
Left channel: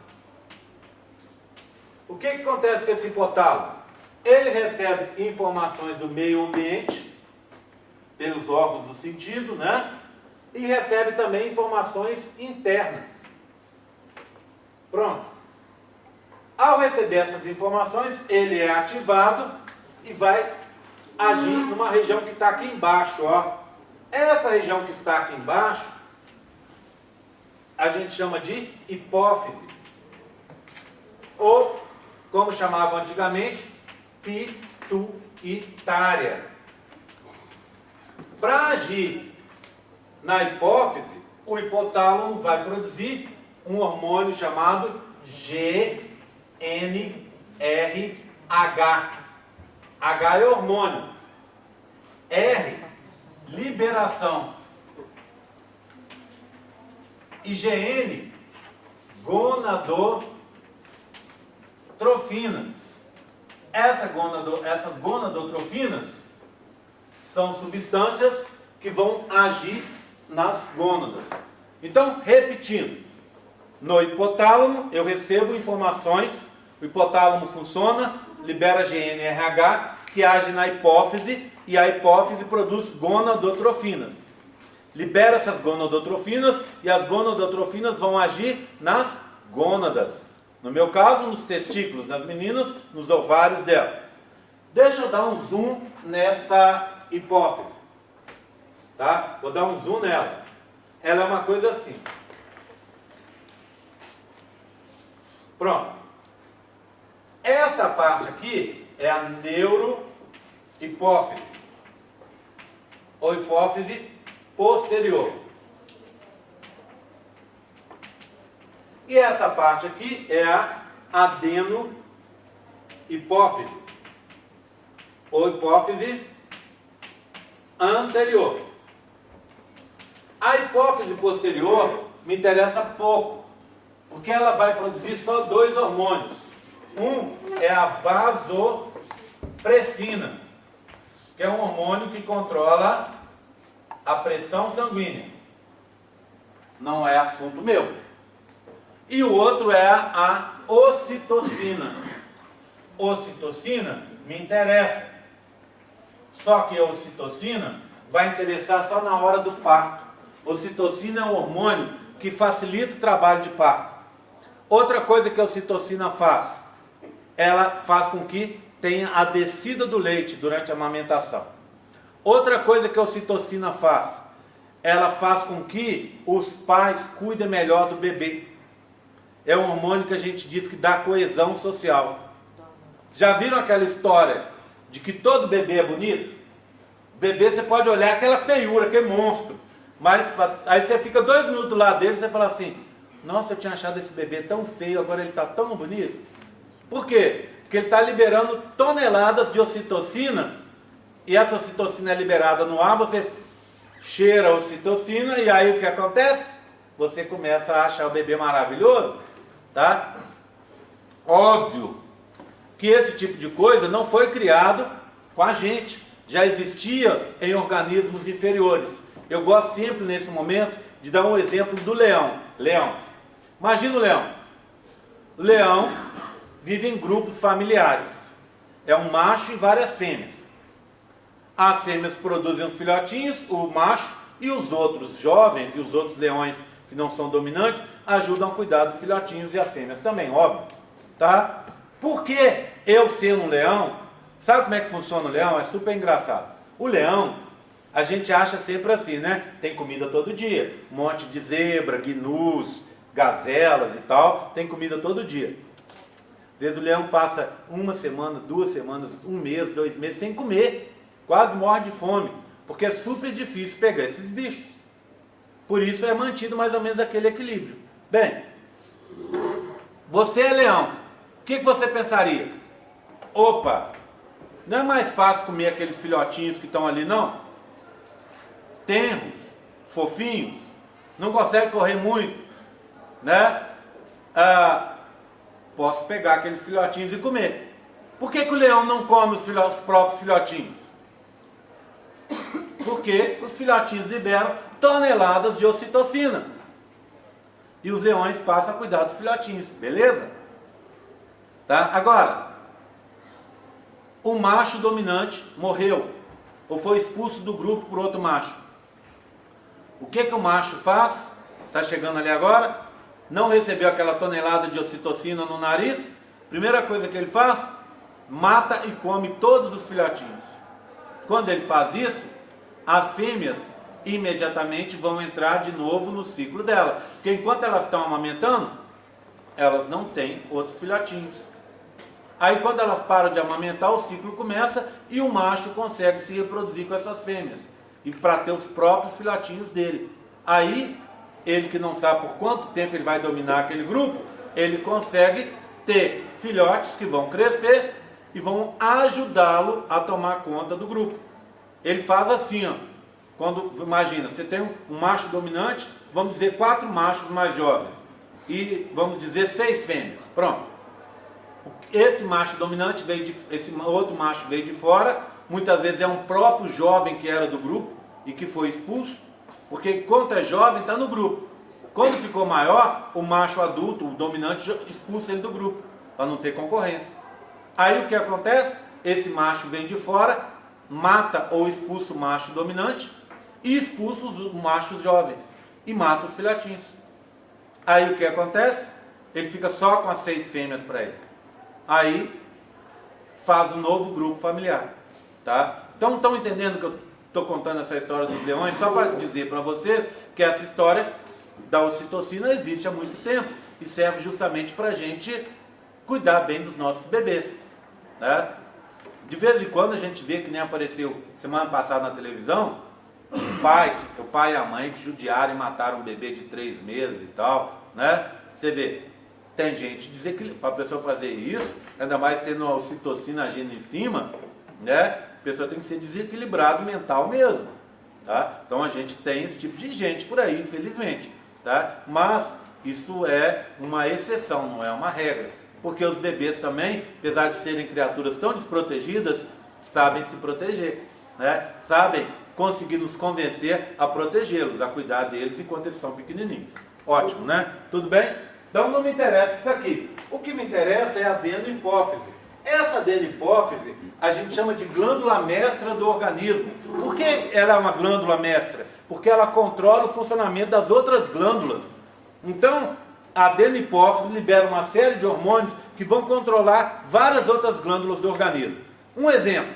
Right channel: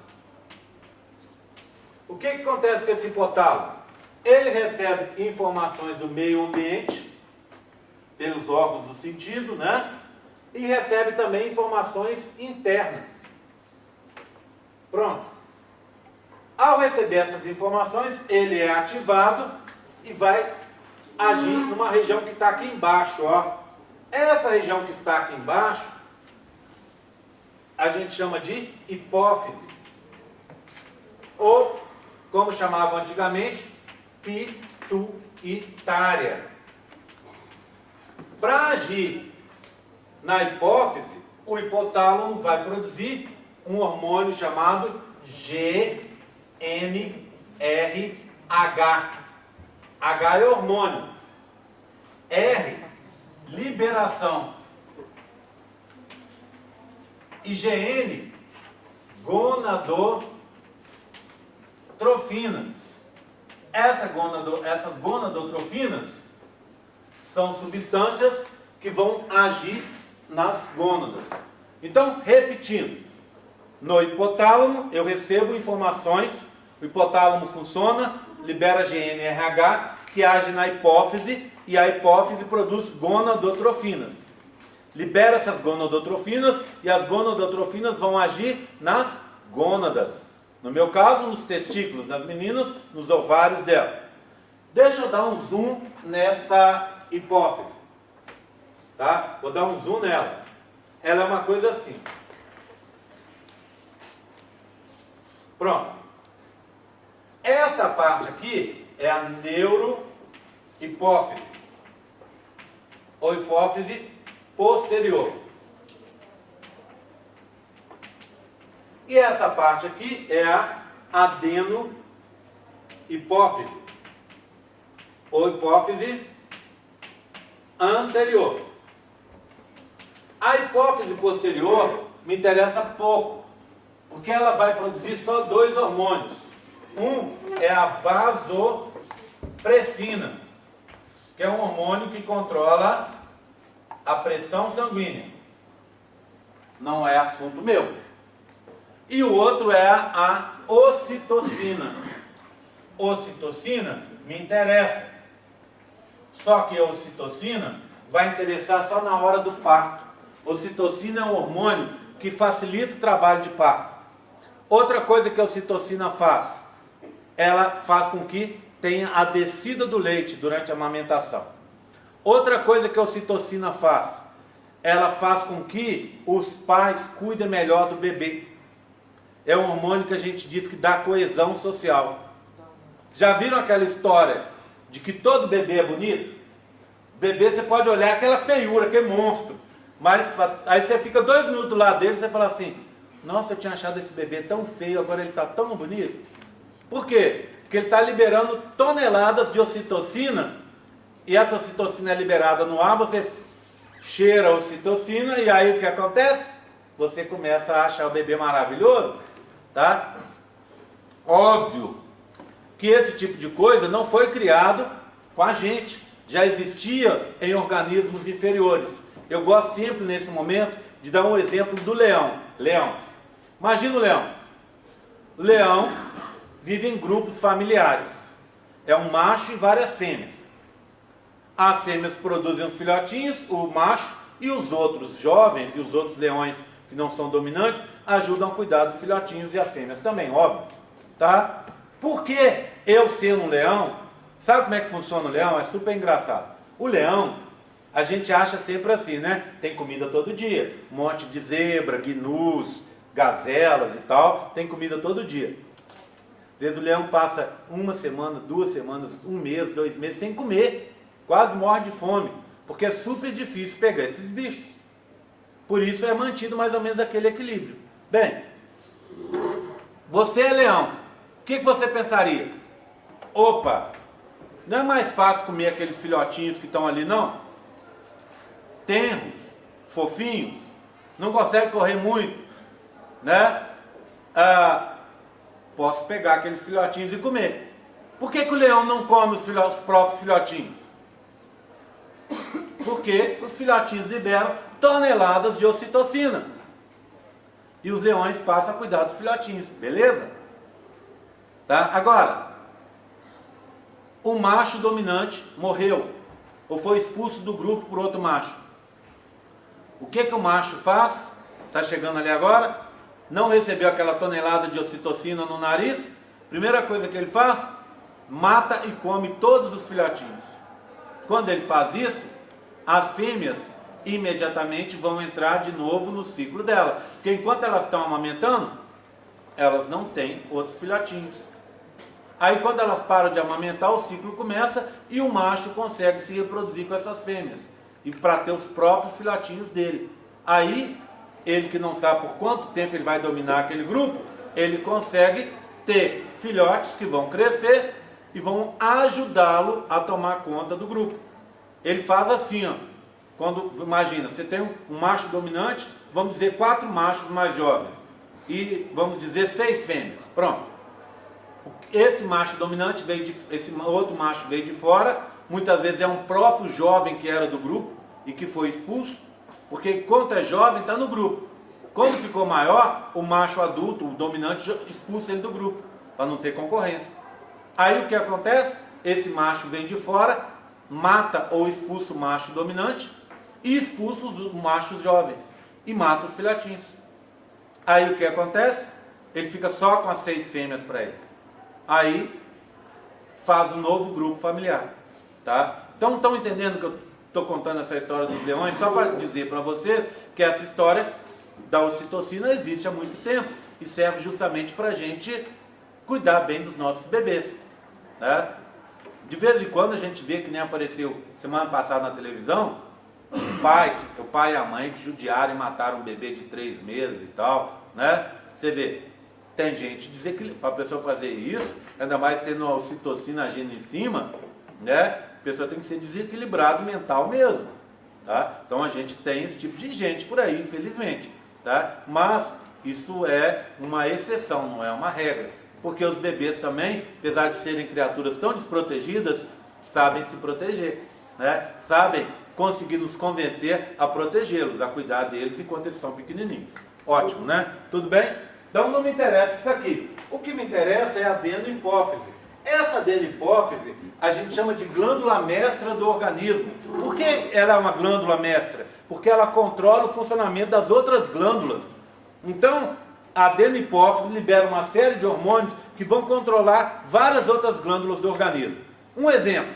O que acontece com esse hipotálamo? Ele recebe informações do meio ambiente, pelos órgãos do sentido, né? E recebe também informações internas. Pronto. Ao receber essas informações, ele é ativado e vai agir numa região que está aqui embaixo, ó. Essa região que está aqui embaixo, a gente chama de hipófise. Ou, como chamavam antigamente, pituitária. Para agir na hipófise, o hipotálamo vai produzir um hormônio chamado GNRH. H é hormônio. R, liberação. E GN, gonadotrofinas. Essas gonadotrofinas são substâncias que vão agir nas gônadas. Então, repetindo, no hipotálamo eu recebo informações, o hipotálamo funciona, libera GNRH, que age na hipófise, e a hipófise produz gonadotrofinas. Libera essas gonadotrofinas, e as gonadotrofinas vão agir nas gônadas. No meu caso, nos testículos das meninas, nos ovários dela. Deixa eu dar um zoom nessa hipófise. Tá? Vou dar um zoom nela. Ela é uma coisa assim. Pronto. Essa parte aqui é a neurohipófise, ou hipófise posterior. E essa parte aqui é a adenohipófise, ou hipófise anterior. A hipófise posterior me interessa pouco, porque ela vai produzir só dois hormônios. Um é a vasopressina, que é um hormônio que controla a pressão sanguínea. Não é assunto meu. E o outro é a ocitocina. Ocitocina me interessa. Só que a ocitocina vai interessar só na hora do parto. Ocitocina é um hormônio que facilita o trabalho de parto. Outra coisa que a ocitocina faz, ela faz com que tenha a descida do leite durante a amamentação. Outra coisa que a ocitocina faz, ela faz com que os pais cuidem melhor do bebê. É um hormônio que a gente diz que dá coesão social. Já viram aquela história de que todo bebê é bonito? Bebê você pode olhar aquela feiura, aquele monstro. Mas aí você fica 2 minutos lá dele e você fala assim, nossa, eu tinha achado esse bebê tão feio, agora ele está tão bonito. Por quê? Porque ele está liberando toneladas de ocitocina, e essa ocitocina é liberada no ar, você cheira a ocitocina, e aí o que acontece? Você começa a achar o bebê maravilhoso, tá? Óbvio que esse tipo de coisa não foi criado com a gente, já existia em organismos inferiores. Eu gosto sempre, nesse momento, de dar um exemplo do leão. Leão. Imagina o leão. O leão vive em grupos familiares. É um macho e várias fêmeas. As fêmeas produzem os filhotinhos, o macho, e os outros jovens e os outros leões que não são dominantes ajudam a cuidar dos filhotinhos e as fêmeas também, óbvio. Tá? Porque eu sendo um leão, sabe como é que funciona o leão? É super engraçado. O leão, a gente acha sempre assim, né? Tem comida todo dia. Um monte de zebra, gnus, gazelas e tal, tem comida todo dia. Às vezes o leão passa 1 semana, 2 semanas, 1 mês, 2 meses sem comer. Quase morre de fome. Porque é super difícil pegar esses bichos. Por isso é mantido mais ou menos aquele equilíbrio. Bem, você é leão. O que você pensaria? Opa, não é mais fácil comer aqueles filhotinhos que estão ali, não? Tenros, fofinhos, não consegue correr muito, né? Posso pegar aqueles filhotinhos e comer. Por que o leão não come os próprios filhotinhos? Porque os filhotinhos liberam toneladas de ocitocina. E os leões passam a cuidar dos filhotinhos, beleza? Tá? Agora, o macho dominante morreu, ou foi expulso do grupo por outro macho. O que o macho faz? Está chegando ali agora, não recebeu aquela tonelada de ocitocina no nariz, primeira coisa que ele faz, mata e come todos os filhotinhos. Quando ele faz isso, as fêmeas imediatamente vão entrar de novo no ciclo dela, porque enquanto elas estão amamentando, elas não têm outros filhotinhos. Aí quando elas param de amamentar, o ciclo começa e o macho consegue se reproduzir com essas fêmeas. E para ter os próprios filhotinhos dele. Aí, ele que não sabe por quanto tempo ele vai dominar aquele grupo, ele consegue ter filhotes que vão crescer e vão ajudá-lo a tomar conta do grupo. Ele faz assim, ó. Quando, imagina, você tem um macho dominante, vamos dizer 4 machos mais jovens. E vamos dizer 6 fêmeas. Pronto. Esse macho dominante esse outro macho veio de fora, muitas vezes é um próprio jovem que era do grupo e que foi expulso, porque enquanto é jovem está no grupo. Quando ficou maior, o macho adulto, o dominante, expulsa ele do grupo, para não ter concorrência. Aí o que acontece? Esse macho vem de fora, mata ou expulsa o macho dominante e expulsa os machos jovens e mata os filhotinhos. Aí o que acontece? Ele fica só com as 6 fêmeas para ele. Aí faz um novo grupo familiar, tá? Então estão entendendo que eu estou contando essa história dos leões só para dizer para vocês que essa história da ocitocina existe há muito tempo e serve justamente para a gente cuidar bem dos nossos bebês, né? De vez em quando a gente vê, que nem apareceu semana passada na televisão, o pai e a mãe que judiaram e mataram um bebê de 3 meses e tal, né? Você vê, tem gente desequilibrada. Para a pessoa fazer isso, ainda mais tendo uma ocitocina agindo em cima, né? A pessoa tem que ser desequilibrado mental mesmo, tá? Então a gente tem esse tipo de gente por aí, infelizmente, tá? Mas isso é uma exceção, não é uma regra. Porque os bebês também, apesar de serem criaturas tão desprotegidas, sabem se proteger, né? Sabem conseguir nos convencer a protegê-los, a cuidar deles enquanto eles são pequenininhos. Ótimo, né? Tudo bem? Então não me interessa isso aqui. O que me interessa é a adenohipófise. Essa adenohipófise a gente chama de glândula mestra do organismo. Por que ela é uma glândula mestra? Porque ela controla o funcionamento das outras glândulas. Então, a adenohipófise libera uma série de hormônios que vão controlar várias outras glândulas do organismo. Um exemplo,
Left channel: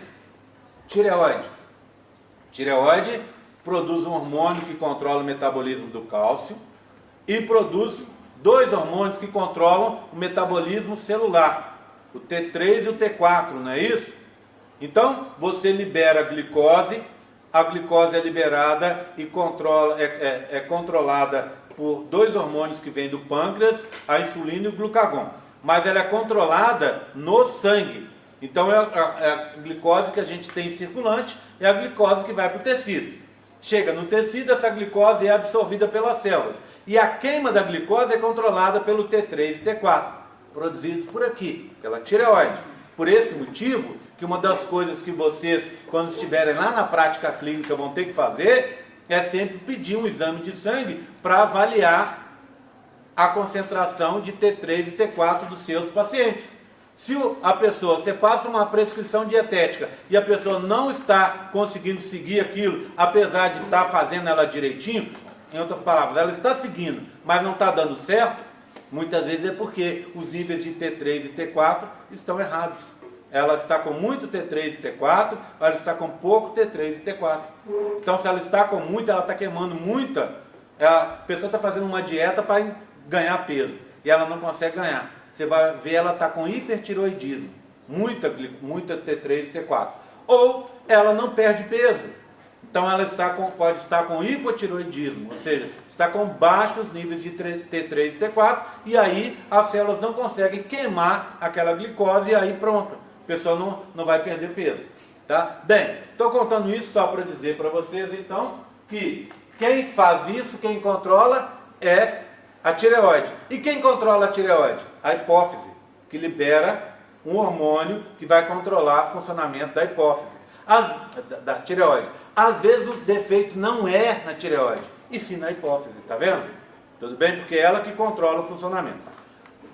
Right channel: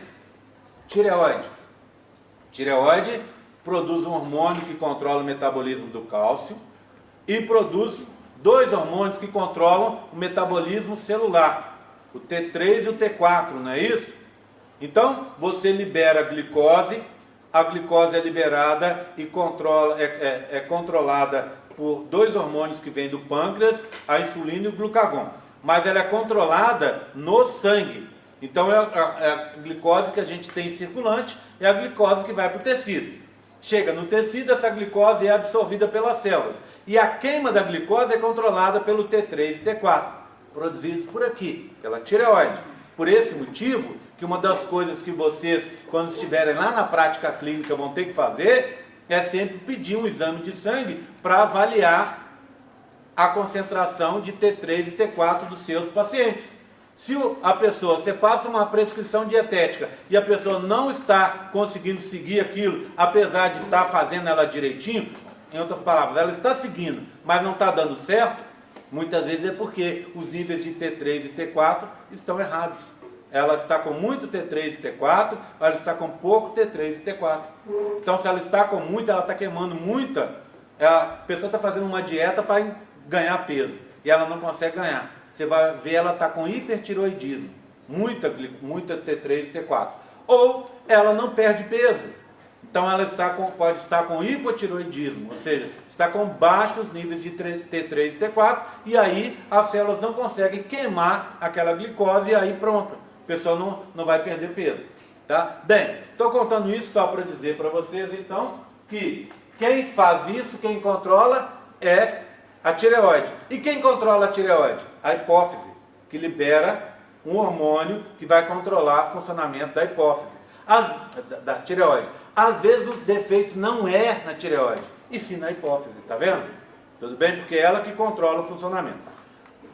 tireoide. Tireoide produz um hormônio que controla o metabolismo do cálcio e produz 2 hormônios que controlam o metabolismo celular, o T3 e o T4, não é isso? Então, você libera a glicose é liberada e é controlada por 2 hormônios que vêm do pâncreas, a insulina e o glucagon. Mas ela é controlada no sangue. Então, é a glicose que a gente tem circulante, é a glicose que vai para o tecido. Chega no tecido, essa glicose é absorvida pelas células. E a queima da glicose é controlada pelo T3 e T4, produzidos por aqui, pela tireoide. Por esse motivo, que uma das coisas que vocês, quando estiverem lá na prática clínica, vão ter que fazer, é sempre pedir um exame de sangue para avaliar a concentração de T3 e T4 dos seus pacientes. Se você passa uma prescrição dietética e a pessoa não está conseguindo seguir aquilo, apesar de estar fazendo ela direitinho, em outras palavras, ela está seguindo, mas não está dando certo, muitas vezes é porque os níveis de T3 e T4 estão errados. Ela está com muito T3 e T4, ou ela está com pouco T3 e T4. Então, se ela está com muito, ela está queimando muita, a pessoa está fazendo uma dieta para ganhar peso, e ela não consegue ganhar. Você vai ver, ela está com hipertiroidismo, muita T3 e T4. Ou ela não perde peso. Então ela pode estar com hipotiroidismo, ou seja, está com baixos níveis de T3 e T4, e aí as células não conseguem queimar aquela glicose, e aí pronto, a pessoa não vai perder peso. Tá? Bem, estou contando isso só para dizer para vocês, então, que quem faz isso, quem controla, é a tireoide. E quem controla a tireoide? A hipófise, que libera um hormônio que vai controlar o funcionamento da hipófise, da tireoide. Às vezes o defeito não é na tireoide, e sim na hipófise, tá vendo? Tudo bem? Porque é ela que controla o funcionamento.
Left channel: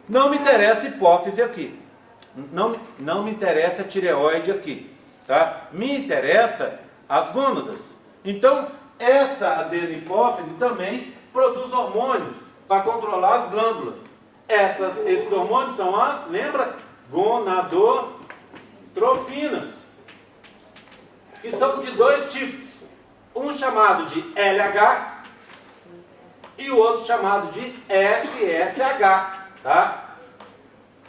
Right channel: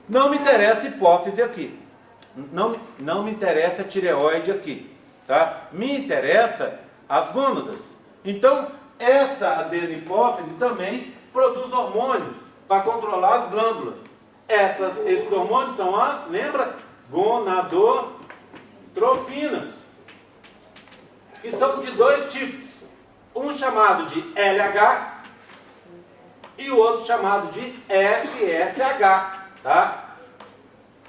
Não me interessa a hipófise aqui. Não me interessa a tireoide aqui, tá? Me interessa as gônadas. Então, essa adenohipófise também produz hormônios para controlar as glândulas. Esses hormônios são lembra? Gonadotrofinas. E são de 2 tipos. Um chamado de LH e o outro chamado de FSH, tá?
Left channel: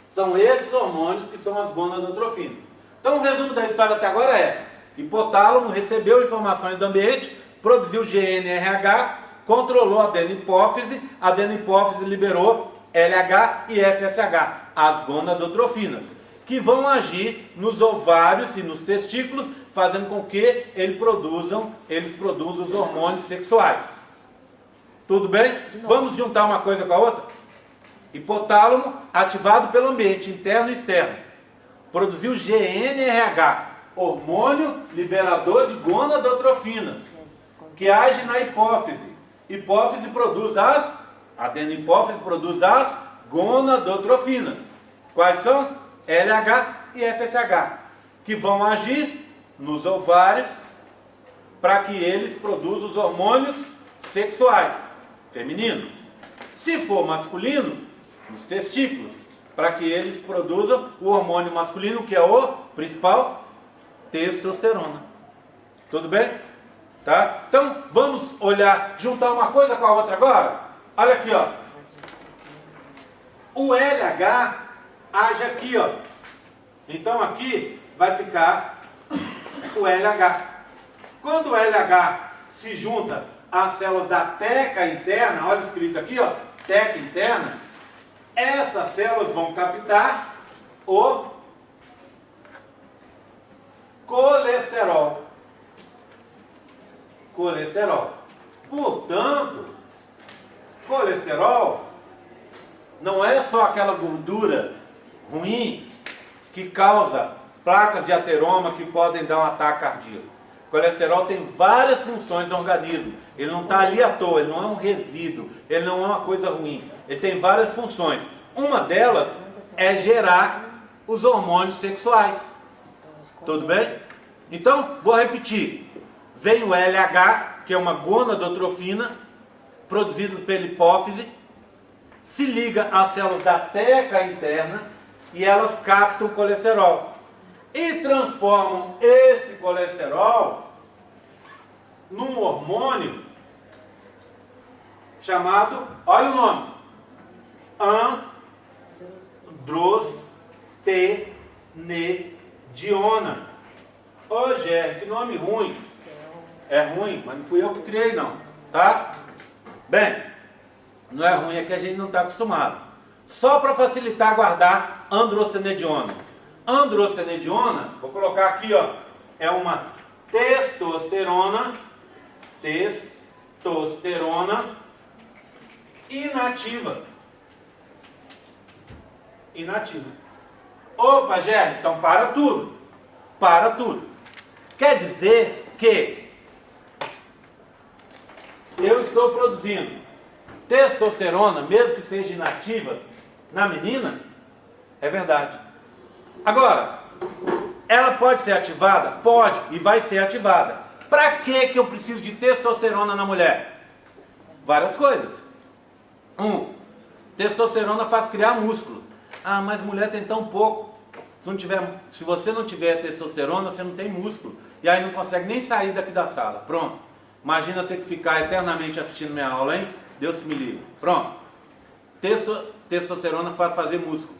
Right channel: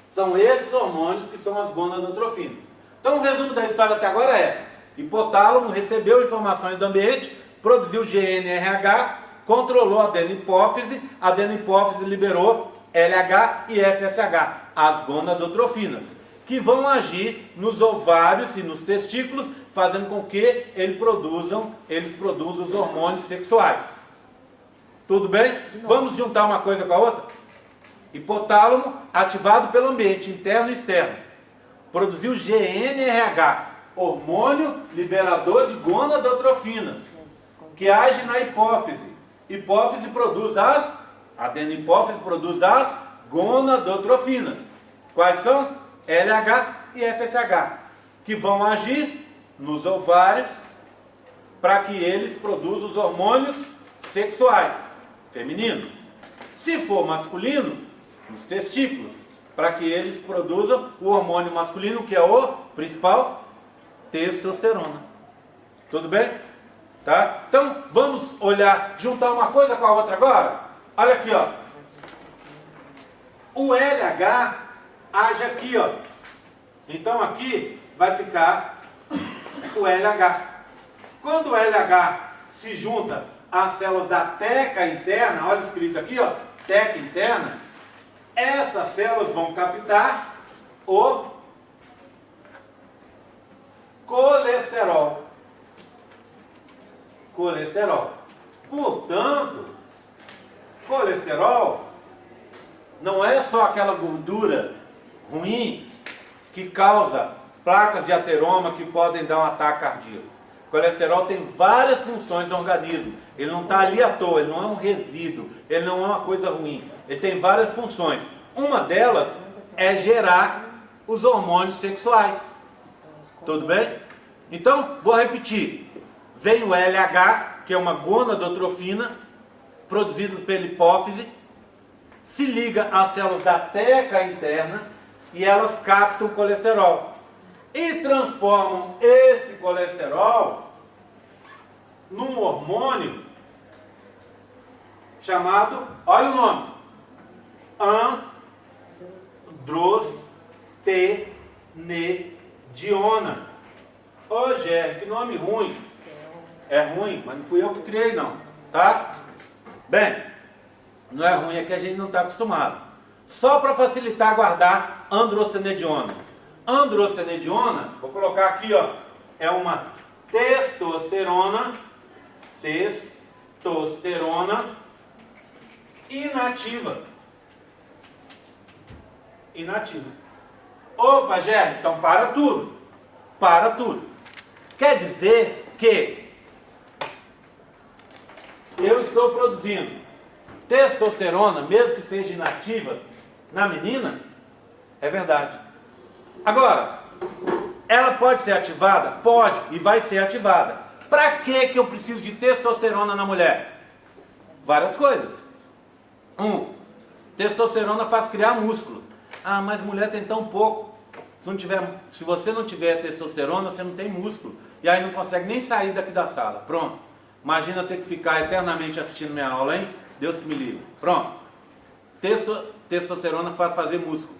São esses hormônios que são as gonadotrofinas. Então, o resumo da história até agora é: hipotálamo recebeu informações do ambiente, produziu GNRH, controlou a adenohipófise liberou LH e FSH, as gonadotrofinas, que vão agir nos ovários e nos testículos, fazendo com que eles produzam os hormônios sexuais. Tudo bem? Vamos juntar uma coisa com a outra? Hipotálamo, ativado pelo ambiente interno e externo, produziu GNRH, hormônio liberador de gonadotrofinas, que age na hipófise. Adenohipófise produz as gonadotrofinas. Quais são? LH e FSH, que vão agir nos ovários para que eles produzam os hormônios sexuais, femininos. Se for masculino, nos testículos, para que eles produzam o hormônio masculino, que é o principal, testosterona. Tudo bem? Tá? Então, vamos juntar uma coisa com a outra agora? Olha aqui, ó. O LH age aqui, ó. Então aqui vai ficar o LH. Quando o LH se junta às células da teca interna, olha escrito aqui, ó, teca interna, essas células vão captar o colesterol. Colesterol. Portanto, colesterol não é só aquela gordura ruim que causa placas de ateroma que podem dar um ataque cardíaco. O colesterol tem várias funções no organismo. Ele não está ali à toa, ele não é um resíduo, ele não é uma coisa ruim. Ele tem várias funções. Uma delas é gerar os hormônios sexuais. Tudo bem? Então, vou repetir. Vem o LH, que é uma gonadotrofina, produzido pela hipófise, se liga às células da teca interna e elas captam o colesterol. E transformam esse colesterol num hormônio chamado, olha o nome, androstenediona. Ô, Gé, que nome ruim. É ruim, mas não fui eu que criei não, tá? Bem, não é ruim, é que a gente não está acostumado. Só para facilitar guardar androstenediona. Androstenediona, vou colocar aqui, ó, é uma testosterona inativa. Inativa. Opa, Gé, então para tudo. Para tudo. Quer dizer que eu estou produzindo testosterona, mesmo que seja inativa, na menina? É verdade. Agora, ela pode ser ativada? Pode, e vai ser ativada. Para que eu preciso de testosterona na mulher? Várias coisas. Testosterona faz criar músculo. Ah, mas mulher tem tão pouco. Se você não tiver testosterona, você não tem músculo. E aí não consegue nem sair daqui da sala. Pronto. Imagina eu ter que ficar eternamente assistindo minha aula, hein? Deus que me livre. Pronto. Testosterona faz fazer músculo.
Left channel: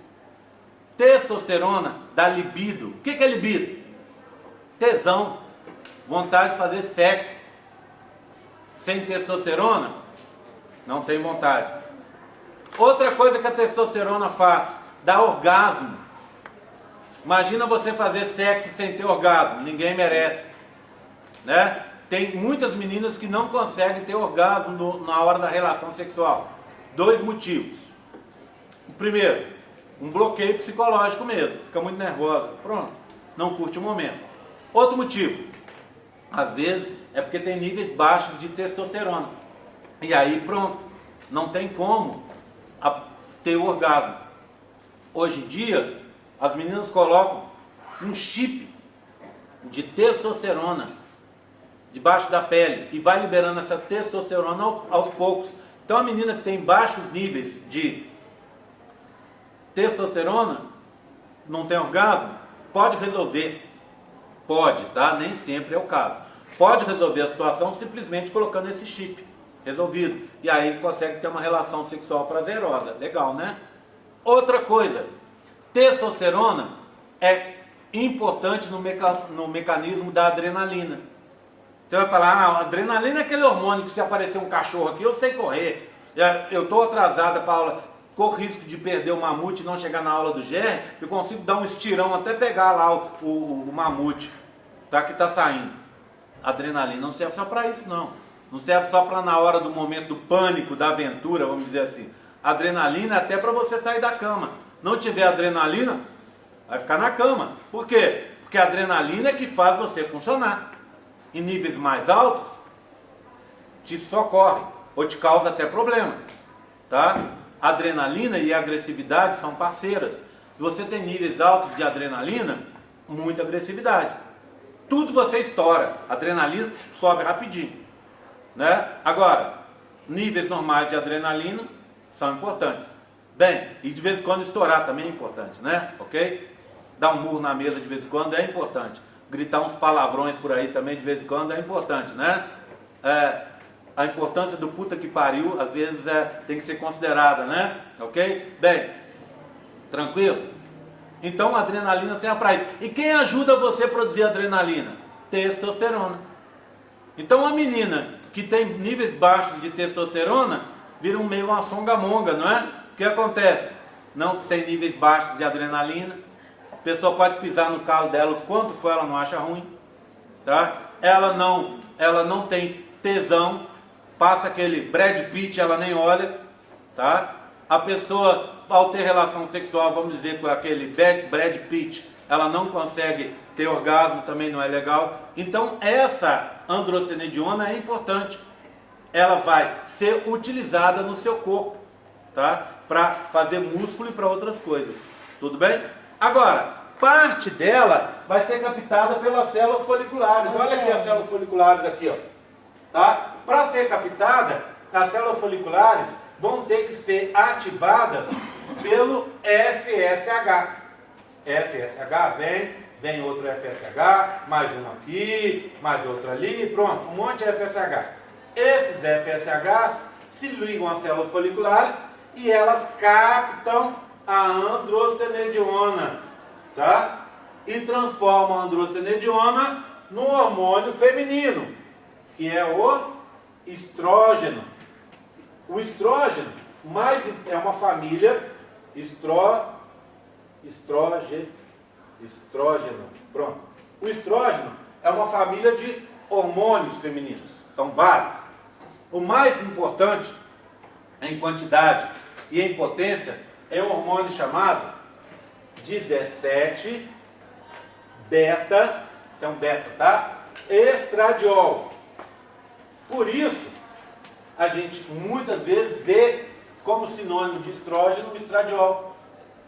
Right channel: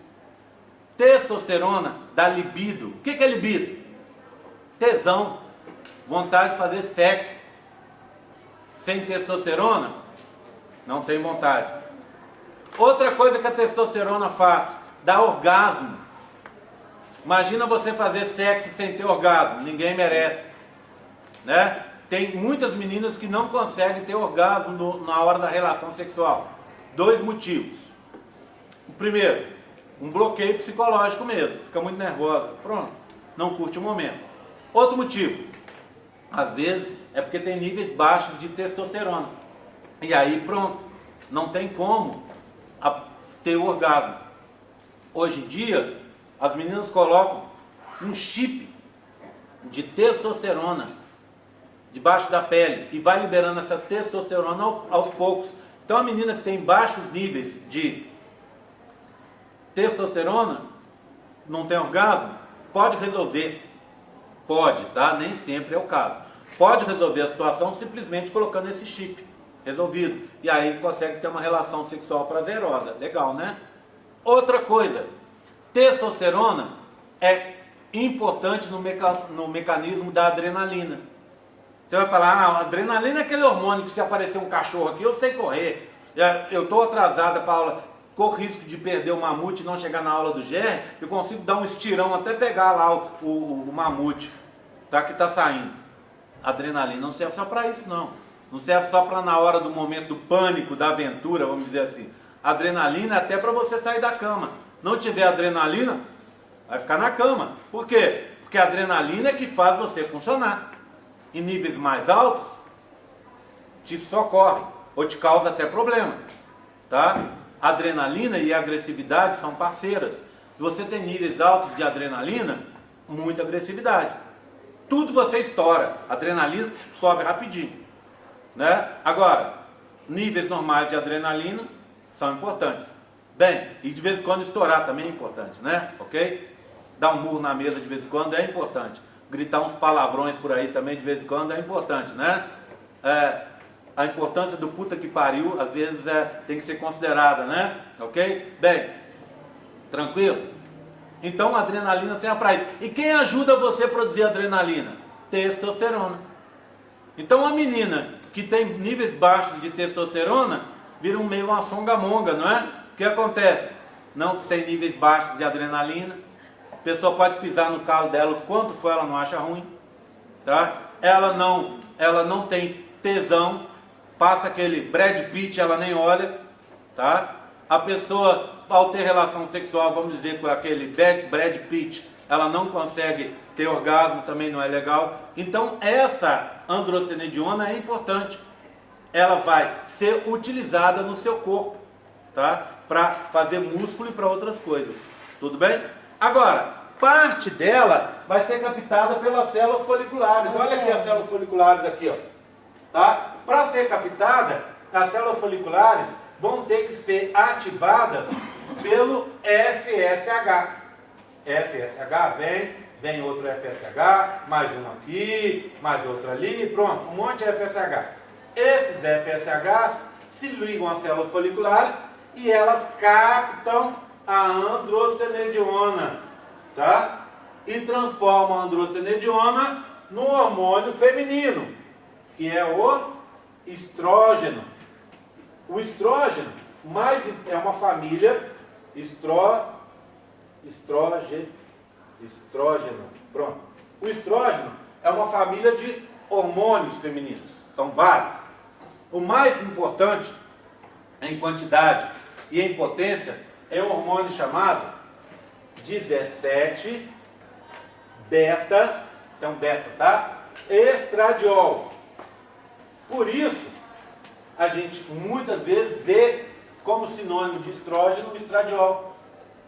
Testosterona dá libido. O que é libido? Tesão. Vontade de fazer sexo. Sem testosterona, não tem vontade. Outra coisa que a testosterona faz, dá orgasmo. Imagina você fazer sexo sem ter orgasmo. Ninguém merece. Né? Tem muitas meninas que não conseguem ter orgasmo na hora da relação sexual. 2 motivos. O primeiro, um bloqueio psicológico mesmo. Fica muito nervosa. Pronto. Não curte o momento. Outro motivo. Às vezes é porque tem níveis baixos de testosterona. E aí pronto. Não tem como ter o orgasmo. Hoje em dia, as meninas colocam um chip de testosterona debaixo da pele e vai liberando essa testosterona aos poucos. Então a menina que tem baixos níveis de testosterona, não tem orgasmo, pode resolver. Pode, tá? Nem sempre é o caso. Pode resolver a situação simplesmente colocando esse chip. Resolvido. E aí consegue ter uma relação sexual prazerosa. Legal, né? Outra coisa, testosterona é importante no mecanismo da adrenalina. Você vai falar, a adrenalina é aquele hormônio que se aparecer um cachorro aqui, eu sei correr. Eu estou atrasada para a aula, corro risco de perder o mamute e não chegar na aula do GR, eu consigo dar um estirão até pegar lá o mamute, tá, que está saindo. Adrenalina não serve só para isso, não. Não serve só para na hora do momento do pânico, da aventura, vamos dizer assim. Adrenalina é até para você sair da cama. Não tiver adrenalina, vai ficar na cama. Por quê? Porque a adrenalina é que faz você funcionar. Em níveis mais altos, te socorre ou te causa até problema, tá? Adrenalina e agressividade são parceiras. Se você tem níveis altos de adrenalina, muita agressividade. Tudo você estoura, adrenalina sobe rapidinho, né? Agora, níveis normais de adrenalina são importantes. Bem, e de vez em quando estourar também é importante, né? Ok? Dar um murro na mesa de vez em quando é importante. Gritar uns palavrões por aí também de vez em quando é importante, né? A importância do puta que pariu, às vezes, tem que ser considerada, né? Ok? Bem, tranquilo? Então a adrenalina serve para isso. E quem ajuda você a produzir adrenalina? Testosterona. Então a menina que tem níveis baixos de testosterona vira meio uma songamonga, não é? O que acontece? Não tem níveis baixos de adrenalina. A pessoa pode pisar no calo dela o quanto for, ela não acha ruim, tá? Ela não tem tesão, passa aquele Brad Pitt, ela nem olha, tá? A pessoa, ao ter relação sexual, vamos dizer, com aquele Brad Pitt, ela não consegue ter orgasmo, também não é legal. Então essa androstenediona é importante. Ela vai ser utilizada no seu corpo, tá? Para fazer músculo e para outras coisas. Tudo bem? Agora, parte dela vai ser captada pelas células foliculares. Olha aqui as células foliculares aqui, ó. Tá? Para ser captada, as células foliculares vão ter que ser ativadas pelo FSH. FSH vem outro FSH, mais um aqui, mais outro ali, pronto, um monte de FSH. Esses FSHs se ligam às células foliculares e elas captam a androstenediona, tá? E transformam a androstenediona no hormônio feminino, que é o estrógeno. O estrógeno é uma família estrógeno. Pronto. O estrógeno é uma família de hormônios femininos. São vários. O mais importante em quantidade e em potência é um hormônio chamado 17 beta, isso é um beta, tá? Estradiol. Por isso, a gente muitas vezes vê como sinônimo de estrógeno o estradiol.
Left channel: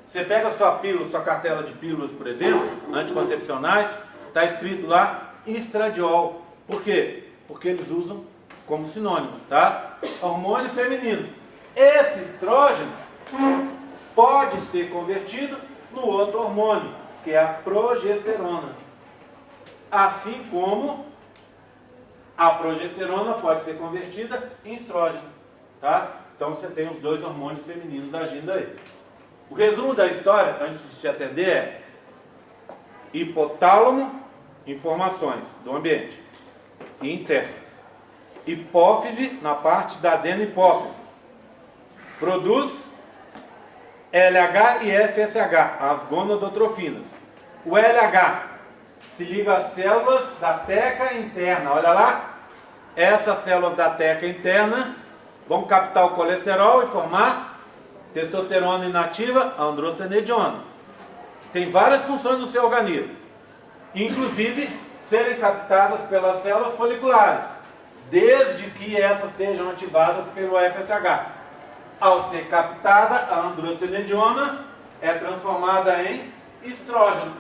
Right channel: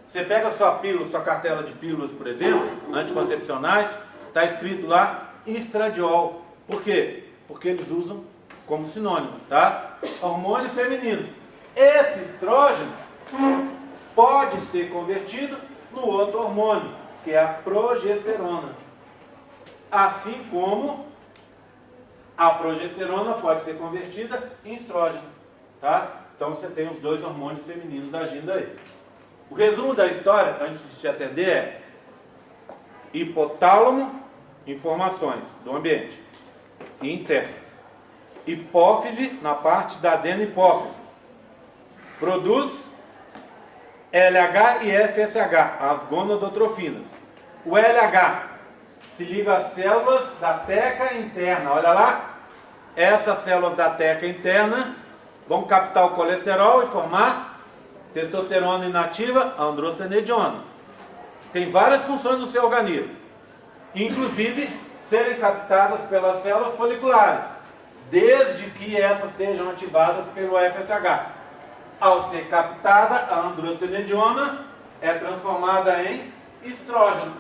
Você pega a sua pílula, sua cartela de pílulas, por exemplo, anticoncepcionais, está escrito lá estradiol. Por quê? Porque eles usam como sinônimo, tá? Hormônio feminino. Esse estrógeno pode ser convertido no outro hormônio, que é a progesterona. Assim como a progesterona pode ser convertida em estrógeno, tá? Então você tem os dois hormônios femininos agindo aí. O resumo da história, antes de te atender, é hipotálamo, informações do ambiente internas. Hipófise, na parte da adenopófise, produz LH e FSH, as gonadotrofinas. O LH se liga às células da teca interna, olha lá. Essas células da teca interna vão captar o colesterol e formar testosterona inativa, androstenediona. Tem várias funções no seu organismo, inclusive serem captadas pelas células foliculares, desde que essas sejam ativadas pelo FSH. Ao ser captada, a androstenediona é transformada em estrógeno.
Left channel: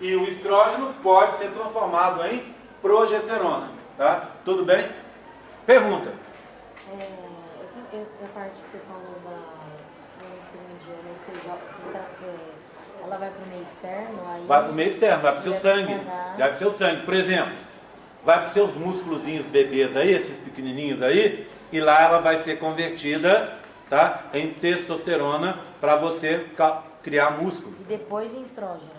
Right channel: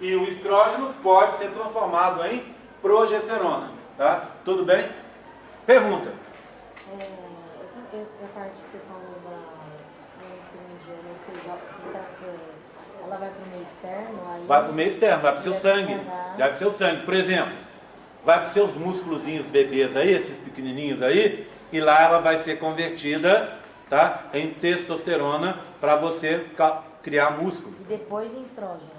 E o estrógeno pode ser transformado em progesterona. Tá? Tudo bem? Pergunta. Essa parte que você falou ela vai para o meio externo? Aí vai para o meio externo, vai para o seu sangue. Vai para o seu sangue. Por exemplo, vai para os seus músculozinhos bebês aí, esses pequenininhos aí, e lá ela vai ser convertida, tá, em testosterona para você criar músculo. E depois em estrógeno.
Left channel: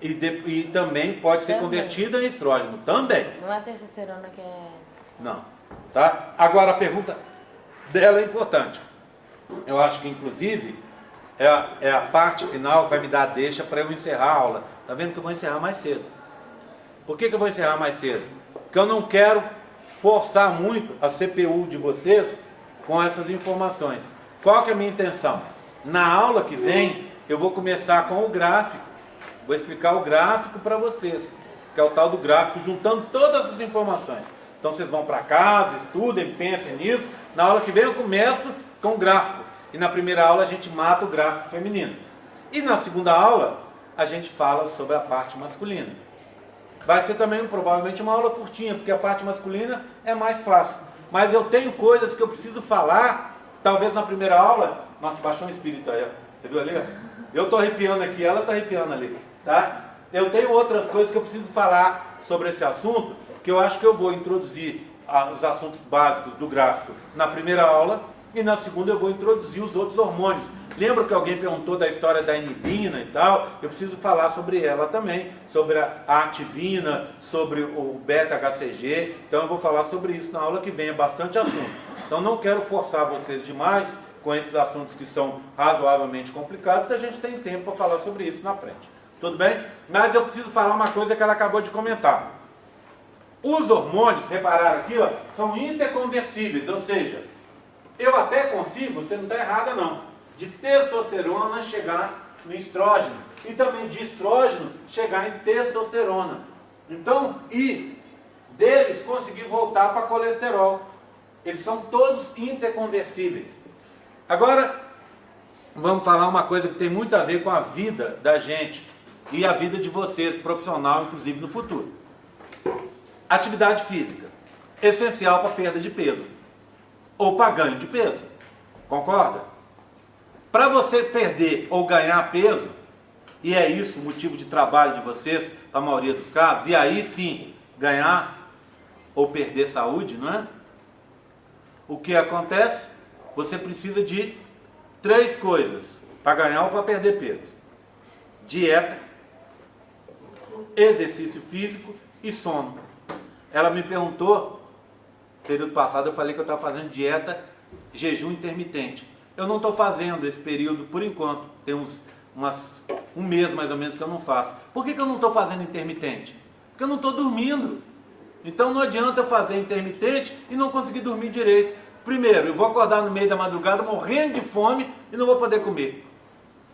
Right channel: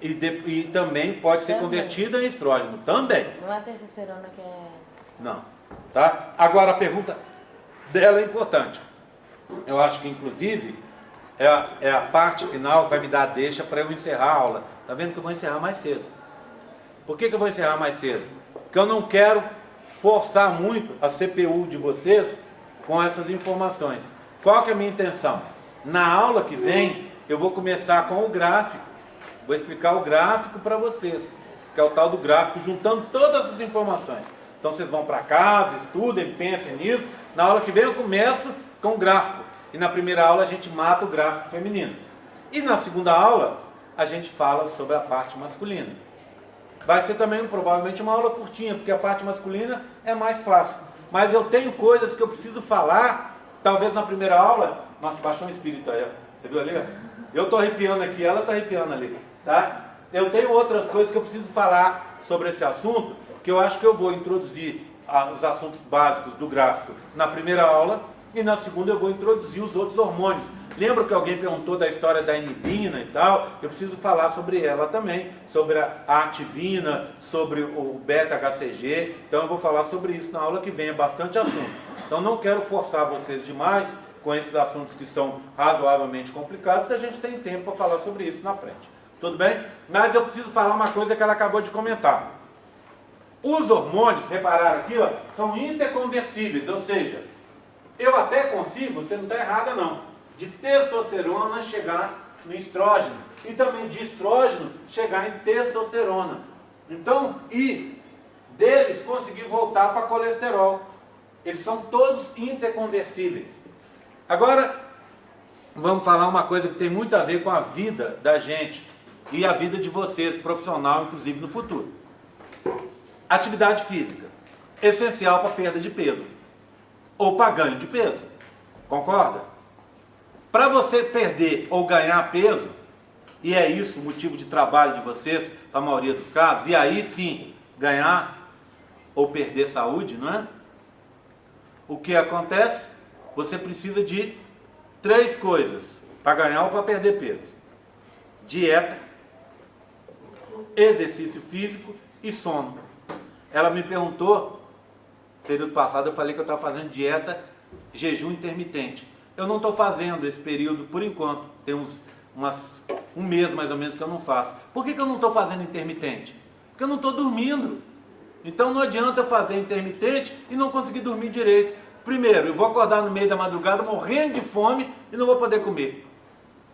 E também pode ser convertida em estrógeno. Também. Não é a testosterona que é... Não. Tá? Agora a pergunta dela é importante. Eu acho que inclusive é a parte final que vai me dar a deixa para eu encerrar a aula. Tá vendo que eu vou encerrar mais cedo? Por que eu vou encerrar mais cedo? Porque eu não quero forçar muito a CPU de vocês com essas informações. Qual que é a minha intenção? Na aula que vem, eu vou começar com o gráfico. Vou explicar o gráfico para vocês, que é o tal do gráfico, juntando todas as informações. Então vocês vão para casa, estudem, pensem nisso. Na aula que vem eu começo com o gráfico. E na primeira aula a gente mata o gráfico feminino. E na segunda aula a gente fala sobre a parte masculina. Vai ser também provavelmente uma aula curtinha, porque a parte masculina é mais fácil. Mas eu tenho coisas que eu preciso falar, talvez na primeira aula. Nossa, baixou um espírito aí, ó. Você viu ali? Eu estou arrepiando aqui, ela está arrepiando ali. Tá? Eu tenho outras coisas que eu preciso falar sobre esse assunto, que eu acho que eu vou introduzir os assuntos básicos do gráfico na primeira aula, e na segunda eu vou introduzir os outros hormônios, Lembra que alguém perguntou da história da inibina e tal? Eu preciso falar sobre ela também, sobre a ativina, sobre o beta-HCG. Então eu vou falar sobre isso na aula que vem, é bastante assunto. Então não quero forçar vocês demais com esses assuntos que são razoavelmente complicados, se a gente tem tempo para falar sobre isso na frente. Tudo bem? Mas eu preciso falar uma coisa que ela acabou de comentar. Os hormônios, repararam aqui, ó, são interconversíveis, ou seja, eu até consigo, você não está errada não, de testosterona chegar no estrógeno e também de estrógeno chegar em testosterona. Então, e deles conseguir voltar para colesterol. Eles são todos interconversíveis. Agora, vamos falar uma coisa que tem muito a ver com a vida da gente e a vida de vocês, profissional, inclusive no futuro. Atividade física, essencial para perda de peso ou para ganho de peso, concorda? Para você perder ou ganhar peso, e é isso o motivo de trabalho de vocês, na maioria dos casos, e aí sim, ganhar ou perder saúde, não é? O que acontece? Você precisa de 3 coisas para ganhar ou para perder peso: dieta, exercício físico e sono. Ela me perguntou, período passado eu falei que eu estava fazendo dieta, jejum intermitente. Eu não estou fazendo esse período por enquanto, tem um mês mais ou menos que eu não faço. Por que eu não estou fazendo intermitente? Porque eu não estou dormindo. Então não adianta eu fazer intermitente e não conseguir dormir direito. Primeiro, eu vou acordar no meio da madrugada morrendo de fome e não vou poder comer.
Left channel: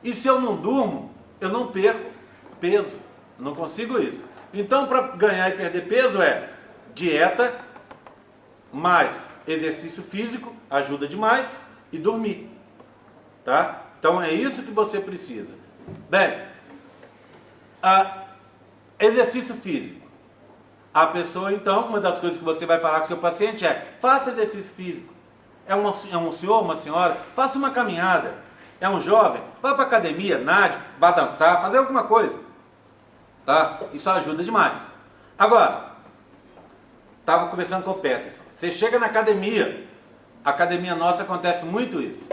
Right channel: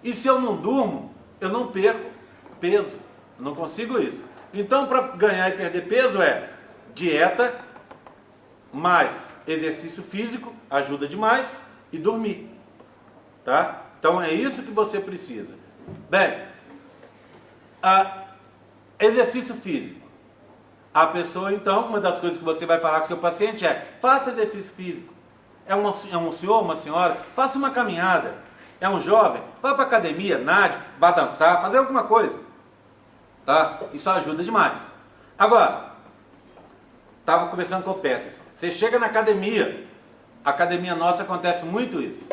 E se eu não durmo, eu não perco peso. Eu não consigo isso. Então, para ganhar e perder peso é dieta, mais exercício físico, ajuda demais, e dormir. Tá? Então é isso que você precisa. Bem, exercício físico. A pessoa, então, uma das coisas que você vai falar com o seu paciente é: faça exercício físico. É um senhor, uma senhora, faça uma caminhada. É um jovem, vá para a academia, nade, vá dançar, fazer alguma coisa. Tá? Isso ajuda demais. Agora, estava conversando com o Peterson. Você chega na academia, a academia nossa acontece muito isso.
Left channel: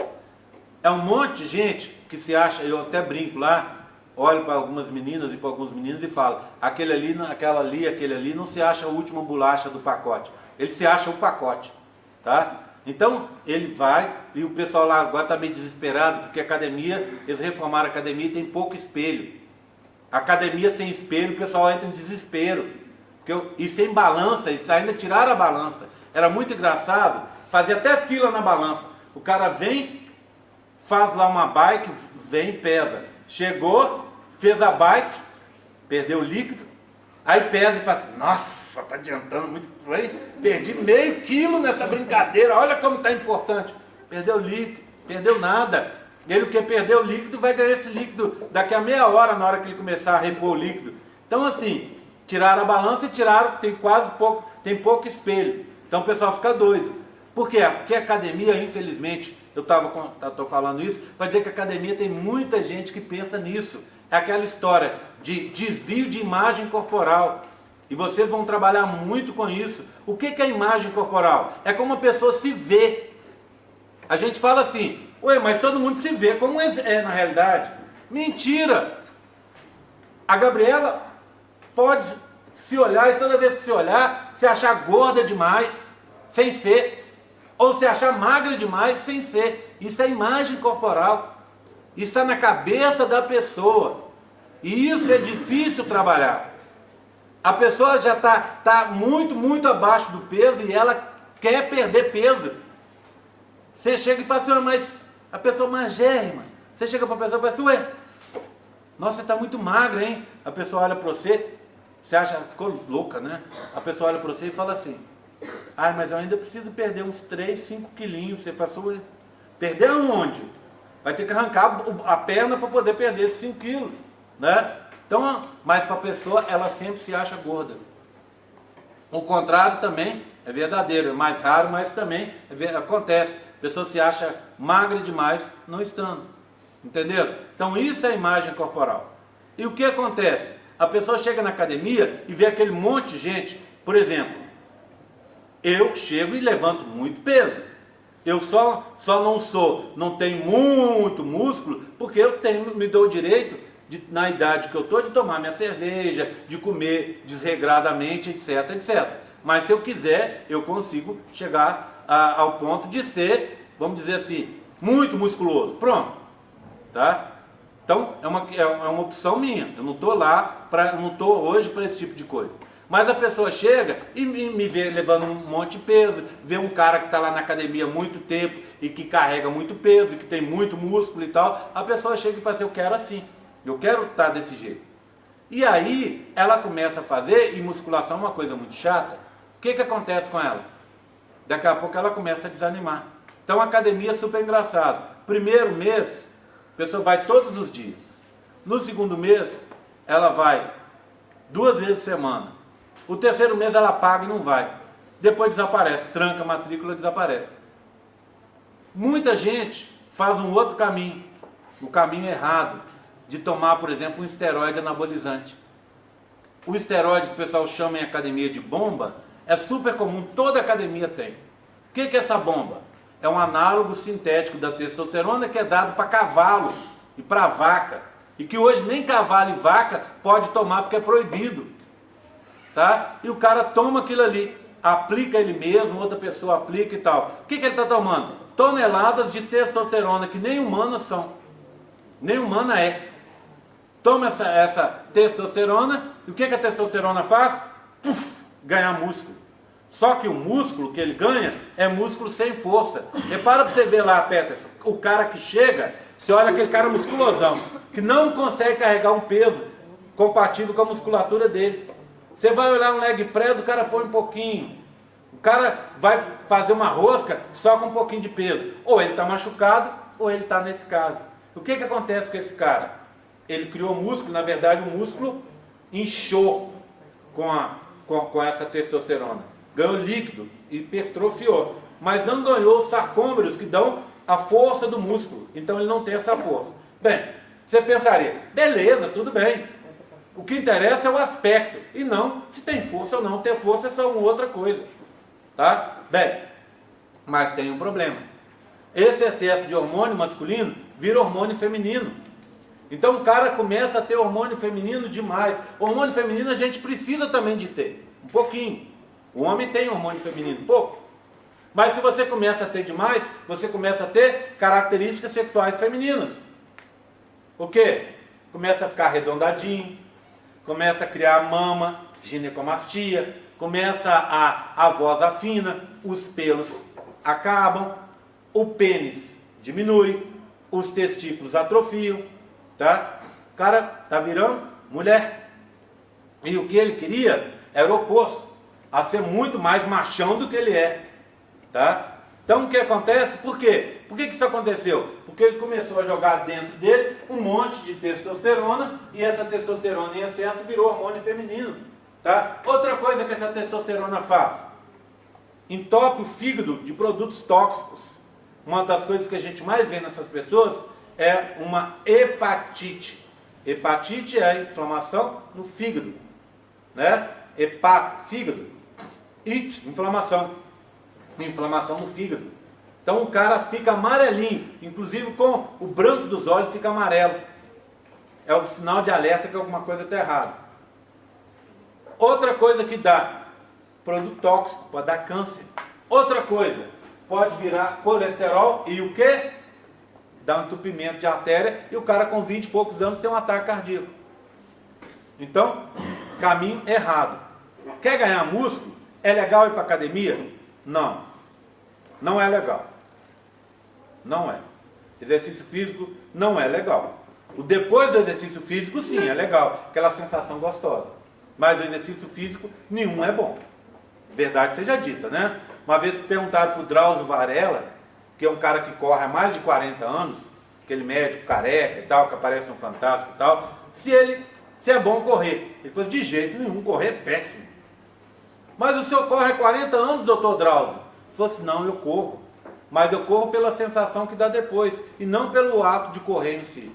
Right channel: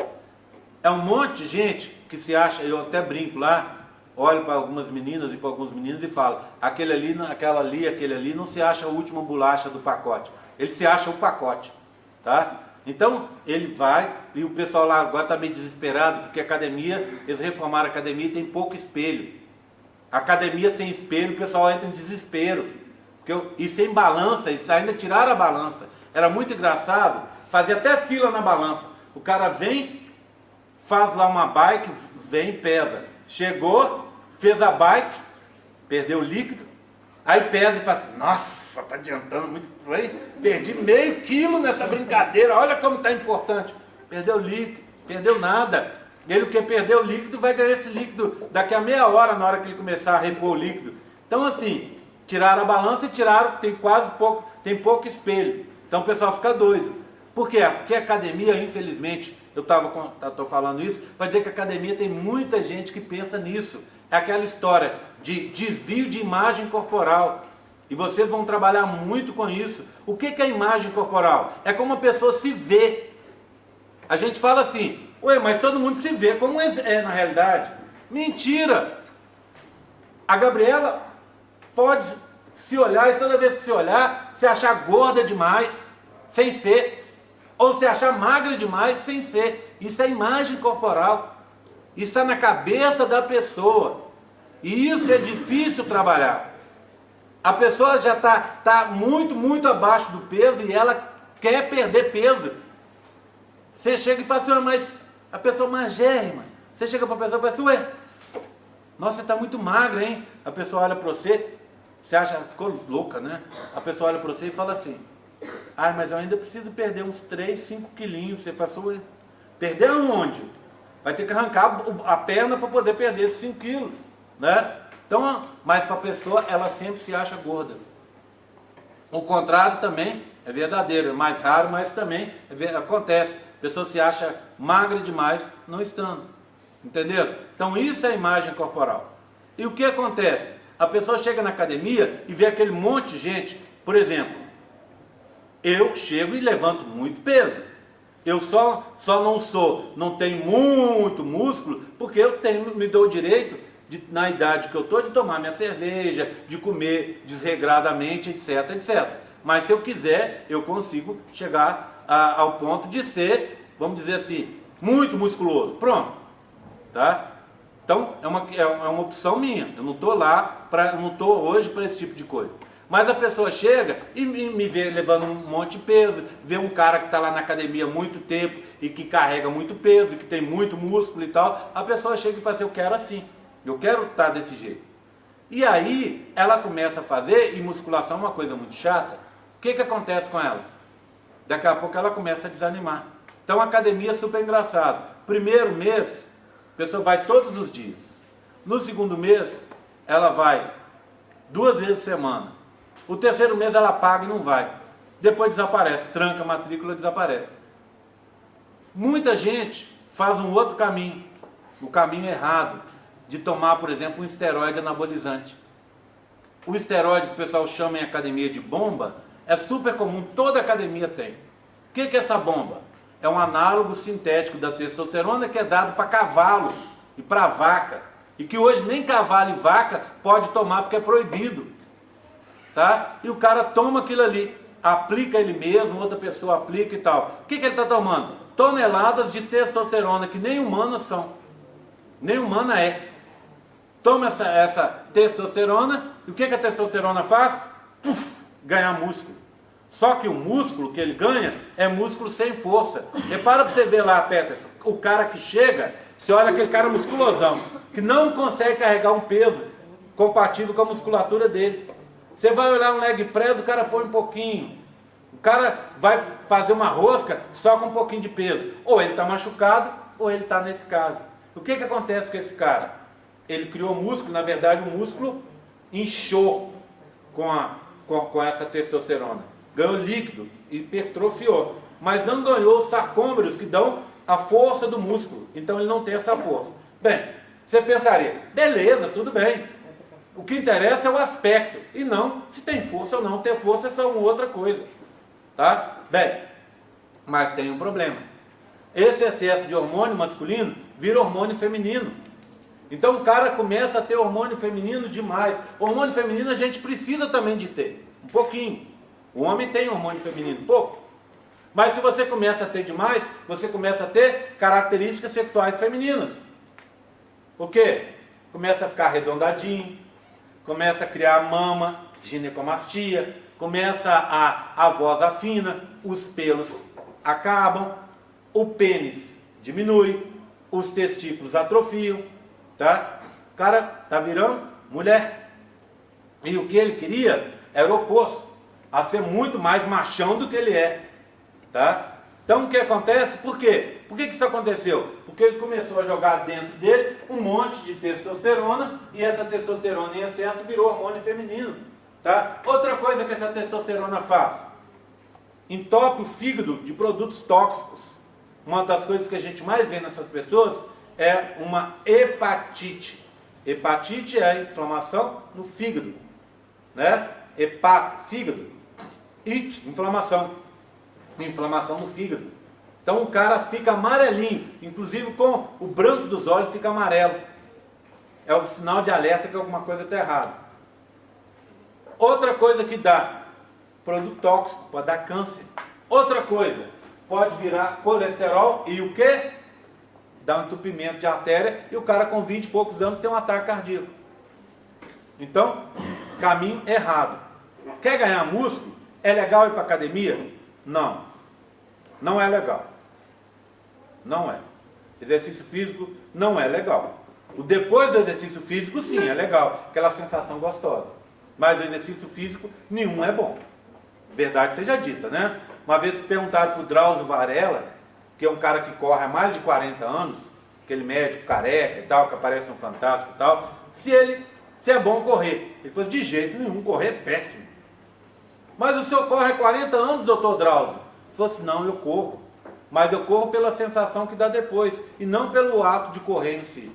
É um monte de gente que se acha, eu até brinco lá, olho para algumas meninas e para alguns meninos e falo: aquele ali não se acha a última bolacha do pacote. Ele se acha o pacote. Tá? Então, ele vai, e o pessoal lá agora está meio desesperado, porque a academia, eles reformaram a academia e tem pouco espelho. Academia sem espelho, o pessoal entra em desespero. E sem balança, eles ainda tiraram a balança. Era muito engraçado, fazia até fila na balança. O cara vem, faz lá uma bike, vem e pesa. Chegou, fez a bike, perdeu o líquido, aí pesa e fala assim: nossa, está adiantando muito bem, perdi meio quilo nessa brincadeira, olha como está importante. Perdeu líquido, perdeu nada. Ele, o que perdeu o líquido, vai ganhar esse líquido daqui a meia hora, na hora que ele começar a repor o líquido. Então, assim, tiraram a balança e tiraram, tem pouco espelho. Então o pessoal fica doido. Por quê? Porque a academia, infelizmente, eu estou falando isso, vai dizer que a academia tem muita gente que pensa nisso. É aquela história de desvio de imagem corporal. E vocês vão trabalhar muito com isso. O que é a imagem corporal? É como a pessoa se vê. A gente fala assim: ué, mas todo mundo se vê como é na realidade. Mentira! A Gabriela pode se olhar e toda vez que se olhar, se achar gorda demais, sem ser. Ou se achar magra demais, sem ser. Isso é imagem corporal. Isso está na cabeça da pessoa. E isso é difícil trabalhar. A pessoa já está muito, muito abaixo do peso e ela quer perder peso. Você chega e fala assim: mas a pessoa magérrima. Você chega para a pessoa e fala assim: ué, nossa, você está muito magra, hein? A pessoa olha para você, você acha, ficou louca, né? A pessoa olha para você e fala assim: ai, mas eu ainda preciso perder uns 3, 5 quilinhos. Você fala assim: perder aonde? Vai ter que arrancar a perna para poder perder esses 5 quilos, né? Então, mas para a pessoa, ela sempre se acha gorda. O contrário também é verdadeiro, é mais raro, mas também acontece. A pessoa se acha magra demais, não estando. Entenderam? Então isso é a imagem corporal. E o que acontece? A pessoa chega na academia e vê aquele monte de gente. Por exemplo, eu chego e levanto muito peso. Eu só não tenho muito músculo, porque eu me dou o direito, na idade que eu estou, de tomar minha cerveja, de comer desregradamente, etc, etc. Mas se eu quiser, eu consigo chegar ao ponto de ser, vamos dizer assim, muito musculoso. Pronto. Tá? Então, é uma opção minha. Eu não estou não estou hoje para esse tipo de coisa. Mas a pessoa chega e me vê levando um monte de peso, vê um cara que está lá na academia há muito tempo e que carrega muito peso, e que tem muito músculo e tal. A pessoa chega e fala assim, eu quero assim, eu quero estar desse jeito. E aí ela começa a fazer, e musculação é uma coisa muito chata. O que acontece com ela? Daqui a pouco ela começa a desanimar. Então a academia é super engraçado. Primeiro mês, a pessoa vai todos os dias. No segundo mês, ela vai 2 vezes por semana. O terceiro mês ela paga e não vai. Depois desaparece, tranca a matrícula e desaparece. Muita gente faz um outro caminho, o caminho errado, de tomar, por exemplo, um esteroide anabolizante. O esteroide que o pessoal chama em academia de bomba, é super comum, toda academia tem. O que é essa bomba? É um análogo sintético da testosterona que é dado para cavalo e para vaca. E que hoje nem cavalo e vaca pode tomar porque é proibido. Tá? E o cara toma aquilo ali, aplica ele mesmo, outra pessoa aplica e tal. O que ele está tomando? Toneladas de testosterona, que nem humanas são. Nem humana é. Toma essa testosterona, e o que a testosterona faz? Puf, ganhar músculo. Só que o músculo que ele ganha é músculo sem força. Repara para você ver lá, Peterson, o cara que chega, você olha aquele cara musculosão, que não consegue carregar um peso compatível com a musculatura dele. Você vai olhar um leg press, o cara põe um pouquinho. O cara vai fazer uma rosca só com um pouquinho de peso. Ou ele está machucado, ou ele está nesse caso. O que acontece com esse cara? Ele criou músculo, na verdade o músculo inchou com essa testosterona. Ganhou líquido, hipertrofiou. Mas não ganhou os sarcômeros que dão a força do músculo. Então ele não tem essa força. Bem, você pensaria, beleza, tudo bem. O que interessa é o aspecto, e não se tem força ou não. Ter força é só uma outra coisa. Tá? Bem, mas tem um problema. Esse excesso de hormônio masculino vira hormônio feminino. Então o cara começa a ter hormônio feminino demais. Hormônio feminino a gente precisa também de ter, um pouquinho. O homem tem hormônio feminino, pouco. Mas se você começa a ter demais, você começa a ter características sexuais femininas. O quê? Começa a ficar arredondadinho, começa a criar mama, ginecomastia, começa a voz afina, os pelos acabam, o pênis diminui, os testículos atrofiam, tá? O cara tá virando mulher. E o que ele queria era o oposto, a ser muito mais machão do que ele é, tá? Então o que acontece? Por quê? Por que isso aconteceu? Porque ele começou a jogar dentro dele um monte de testosterona, e essa testosterona em excesso virou hormônio feminino. Tá? Outra coisa que essa testosterona faz, entope o fígado de produtos tóxicos. Uma das coisas que a gente mais vê nessas pessoas é uma hepatite. Hepatite é a inflamação no fígado, né? Fígado. Inflamação. Inflamação no fígado. Então o cara fica amarelinho, inclusive com o branco dos olhos fica amarelo. É o sinal de alerta que alguma coisa está errada. Outra coisa que dá, produto tóxico, pode dar câncer. Outra coisa, pode virar colesterol e o quê? Dá um entupimento de artéria e o cara com 20 e poucos anos tem um ataque cardíaco. Então, caminho errado. Quer ganhar músculo? É legal ir para academia? Não. Não é legal. Não é. Exercício físico não é legal. O depois do exercício físico, sim, é legal. Aquela sensação gostosa. Mas o exercício físico, nenhum é bom. Verdade seja dita, né? Uma vez perguntaram para o Drauzio Varela, que é um cara que corre há mais de 40 anos, aquele médico careca e tal, que aparece no Fantástico e tal, se é bom correr. Ele falou, de jeito nenhum, correr é péssimo. Mas o senhor corre há 40 anos, doutor Drauzio? Ele falou assim, não, eu corro. Mas eu corro pela sensação que dá depois, e não pelo ato de correr em si.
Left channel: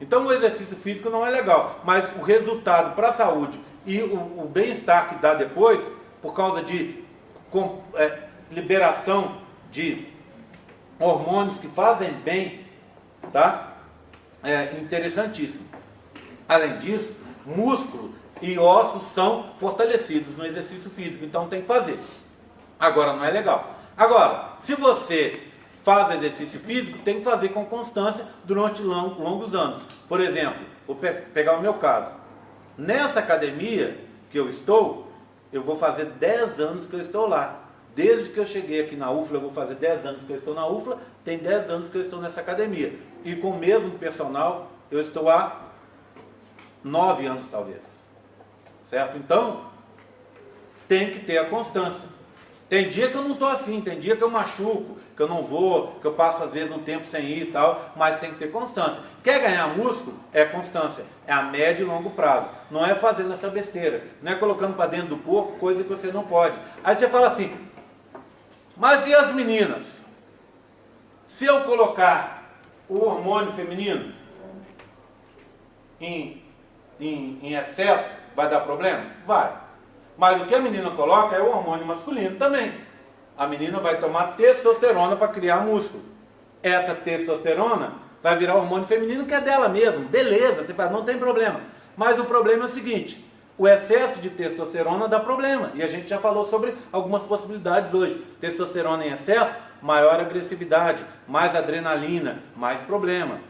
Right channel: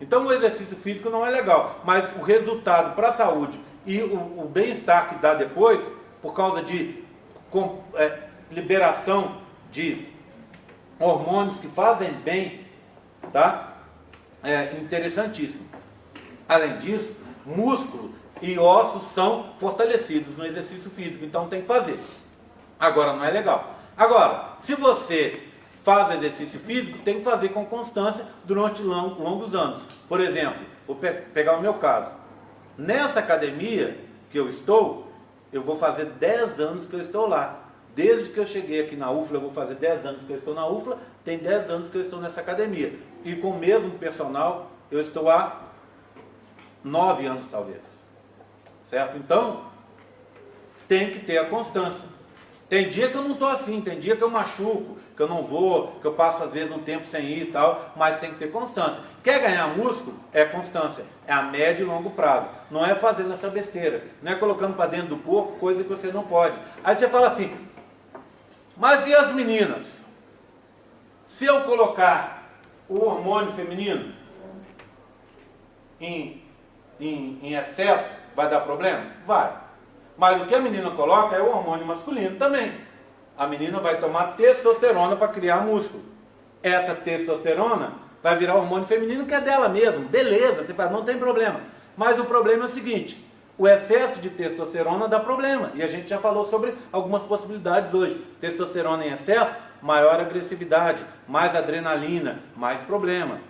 Então o exercício físico não é legal, mas o resultado para a saúde e o bem-estar que dá depois, por causa de liberação de hormônios que fazem bem, tá? É interessantíssimo. Além disso, músculo e ossos são fortalecidos no exercício físico, então tem que fazer. Agora, não é legal. Agora, se você faz exercício físico, tem que fazer com constância durante longos anos. Por exemplo, vou pegar o meu caso. Nessa academia que eu estou, eu vou fazer 10 anos que eu estou lá. Desde que eu cheguei aqui na UFLA, eu vou fazer 10 anos que eu estou na UFLA, tem 10 anos que eu estou nessa academia. E com o mesmo personal, eu estou há 9 anos talvez. Certo? Então, tem que ter a constância. Tem dia que eu não estou afim, tem dia que eu machuco, que eu não vou, que eu passo às vezes um tempo sem ir e tal, mas tem que ter constância. Quer ganhar músculo? É constância. É a médio e longo prazo. Não é fazendo essa besteira. Não é colocando para dentro do corpo coisa que você não pode. Aí você fala assim, mas e as meninas? Se eu colocar o hormônio feminino em excesso, vai dar problema? Vai. Mas o que a menina coloca é o hormônio masculino também. A menina vai tomar testosterona para criar músculo. Essa testosterona vai virar hormônio feminino que é dela mesmo. Beleza, você fala, não tem problema. Mas o problema é o seguinte, o excesso de testosterona dá problema. E a gente já falou sobre algumas possibilidades hoje. Testosterona em excesso, maior agressividade, mais adrenalina, mais problema.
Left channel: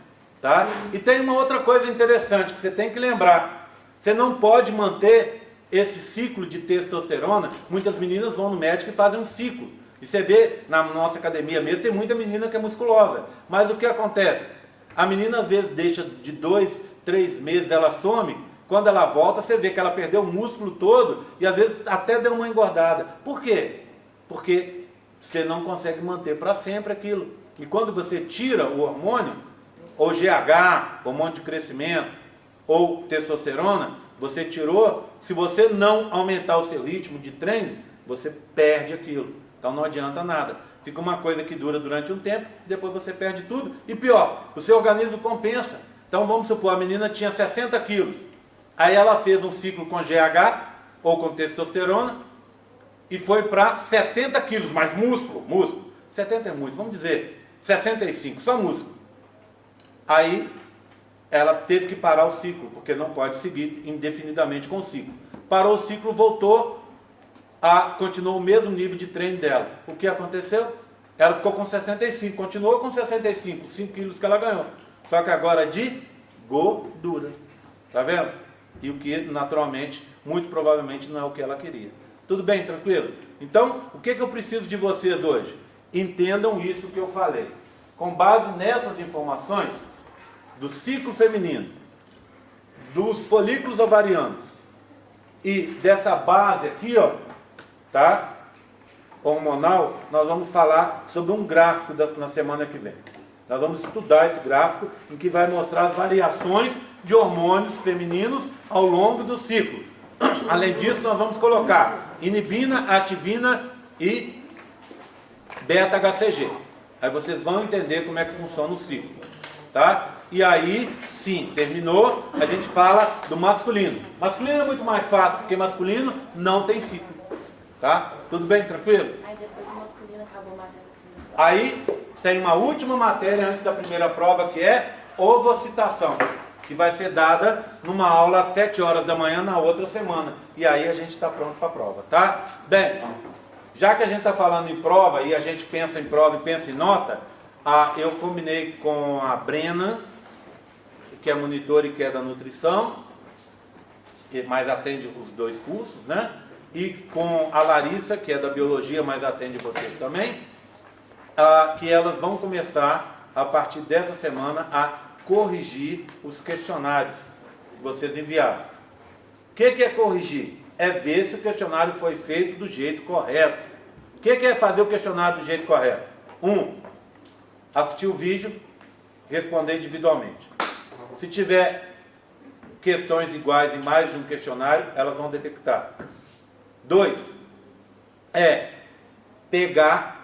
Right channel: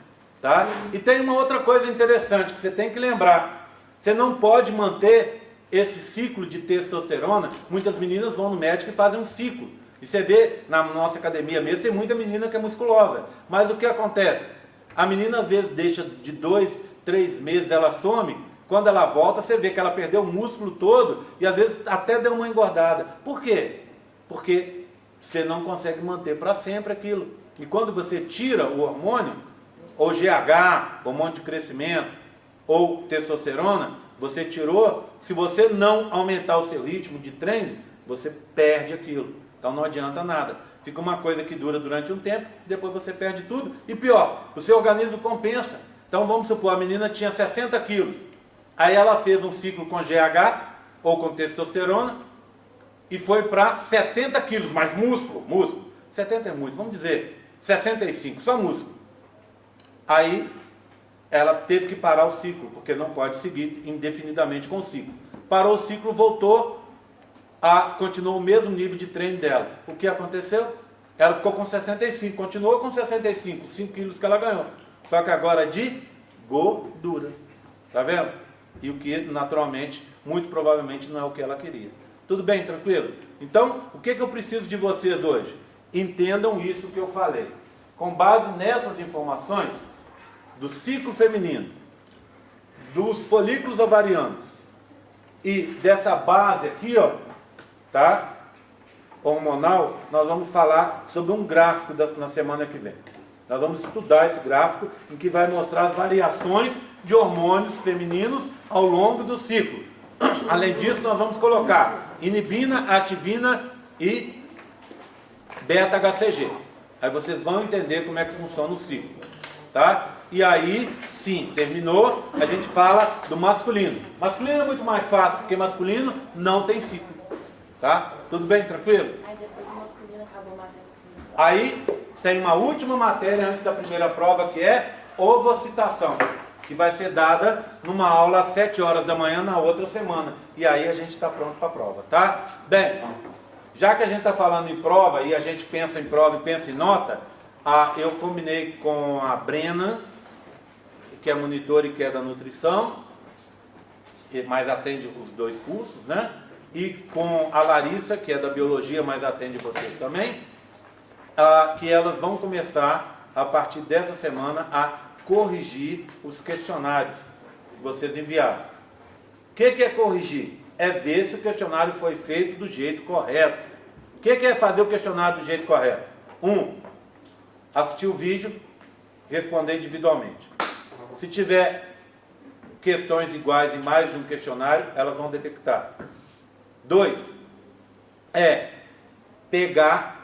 Tá? E tem uma outra coisa interessante que você tem que lembrar. Você não pode manter esse ciclo de testosterona. Muitas meninas vão no médico e fazem um ciclo. E você vê, na nossa academia mesmo, tem muita menina que é musculosa. Mas o que acontece? A menina às vezes deixa de 2, 3 meses, ela some. Quando ela volta, você vê que ela perdeu o músculo todo e às vezes até deu uma engordada. Por quê? Porque você não consegue manter para sempre aquilo. E quando você tira o hormônio, ou GH, hormônio de crescimento, ou testosterona, você tirou, se você não aumentar o seu ritmo de treino, você perde aquilo. Então não adianta nada. Fica uma coisa que dura durante um tempo, depois você perde tudo. E pior, o seu organismo compensa. Então vamos supor, a menina tinha 60 quilos. Aí ela fez um ciclo com GH, ou com testosterona, e foi para 70 quilos, mas músculo. 70 é muito, vamos dizer 65, só músculo. Aí ela teve que parar o ciclo, porque não pode seguir indefinidamente com o ciclo. Parou o ciclo, voltou, continuou o mesmo nível de treino dela. O que aconteceu? Ela ficou com 65, continuou com 65, 5 quilos que ela ganhou. Só que agora de gordura. Tá vendo? E o que naturalmente, muito provavelmente não é o que ela queria. Tudo bem, tranquilo? Então, o que eu preciso de vocês hoje? Entendam isso que eu falei. Com base nessas informações, do ciclo feminino, dos folículos ovarianos e dessa base aqui, ó, tá? Hormonal, nós vamos falar sobre um gráfico na semana que vem. Nós vamos estudar esse gráfico em que vai mostrar as variações de hormônios femininos ao longo do ciclo. Além disso, nós vamos colocar inibina, ativina e beta-HCG. Aí vocês vão entender como é que funciona o ciclo, tá? E aí, sim, terminou, a gente fala do masculino. Masculino é muito mais fácil, porque masculino não tem ciclo, tá? Tudo bem, tranquilo? Aí depois do masculino acabou a matéria. Aí tem uma última matéria antes da primeira prova, que é ovocitação, que vai ser dada numa aula às 7 horas da manhã na outra semana. E aí a gente está pronto para a prova, tá? Bem, já que a gente está falando em prova e a gente pensa em prova e pensa em nota, eu combinei com a Brena, que é monitora e que é da nutrição, mas atende os 2 cursos, né? E com a Larissa, que é da biologia, mas atende vocês também, que elas vão começar, a partir dessa semana, a corrigir os questionários que vocês enviaram. O que é corrigir? É ver se o questionário foi feito do jeito correto. O que é fazer o questionário do jeito correto? 1. Assistir o vídeo, responder individualmente. Se tiver questões iguais em mais de um questionário, elas vão detectar. 2. Pegar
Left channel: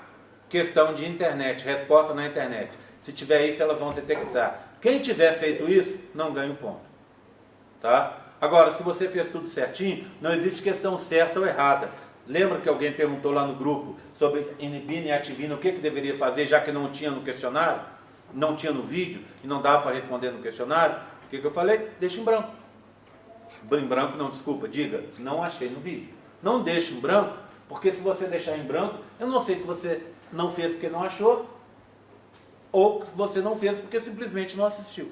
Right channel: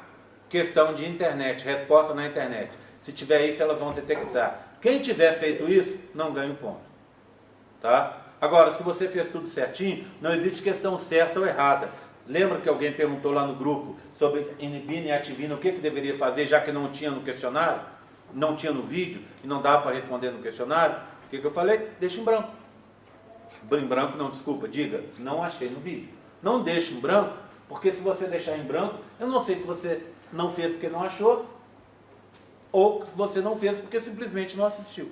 questão de internet, resposta na internet. Se tiver isso, elas vão detectar. Quem tiver feito isso, não ganha um ponto. Tá? Agora, se você fez tudo certinho, não existe questão certa ou errada. Lembra que alguém perguntou lá no grupo sobre inibina e ativina, o que deveria fazer, já que não tinha no questionário, não tinha no vídeo, e não dava para responder no questionário? O que eu falei? Deixa em branco. Em branco não, desculpa, diga, não achei no vídeo. Não deixe em branco, porque se você deixar em branco, eu não sei se você não fez porque não achou, ou se você não fez porque simplesmente não assistiu.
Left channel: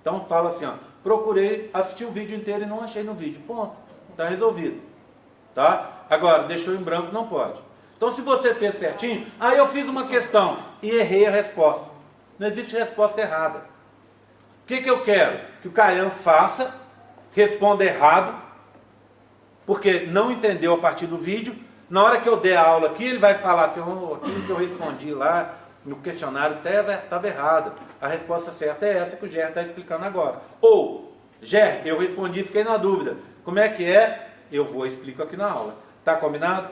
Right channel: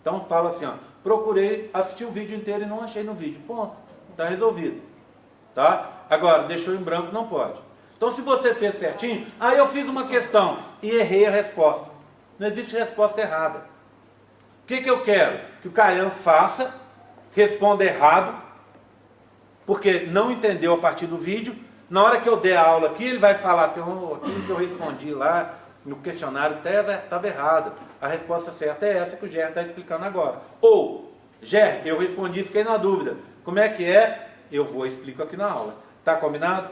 Então fala assim, ó, procurei assistir o vídeo inteiro e não achei no vídeo. Ponto, está resolvido. Tá? Agora, deixou em branco, não pode. Então se você fez certinho, aí eu fiz uma questão e errei a resposta. Não existe resposta errada. O que eu quero? Que o Caian faça, responda errado, porque não entendeu a partir do vídeo. Na hora que eu der a aula aqui, ele vai falar assim, oh, aquilo que eu respondi lá no questionário estava errado. A resposta certa é essa que o Ger está explicando agora. Ou, Ger, eu respondi e fiquei na dúvida. Como é que é? Eu vou explico aqui na aula. Tá combinado?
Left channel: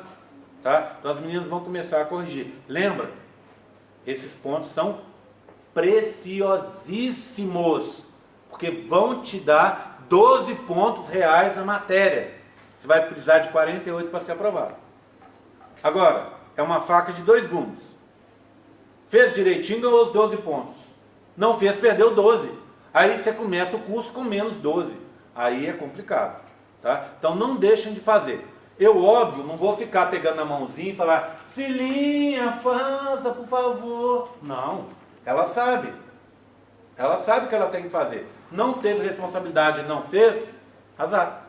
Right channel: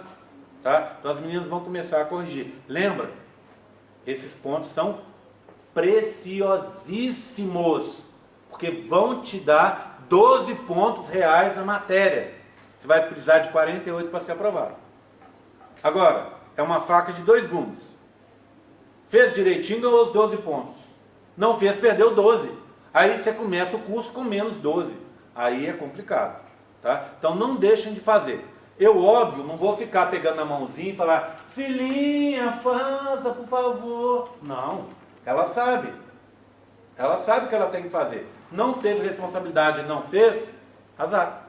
Tá? Então as meninas vão começar a corrigir. Lembra? Esses pontos são preciosíssimos, porque vão te dar 12 pontos reais na matéria. Você vai precisar de 48 para ser aprovado. Agora, é uma faca de 2 gumes. Fez direitinho, ganhou os 12 pontos. Não fez, perdeu 12. Aí você começa o curso com menos 12. Aí é complicado. Tá? Então não deixem de fazer. Eu, óbvio, não vou ficar pegando na mãozinha e falar, filhinha, faça, por favor. Não, ela sabe. Ela sabe o que ela tem que fazer. Não teve responsabilidade e não fez, azar.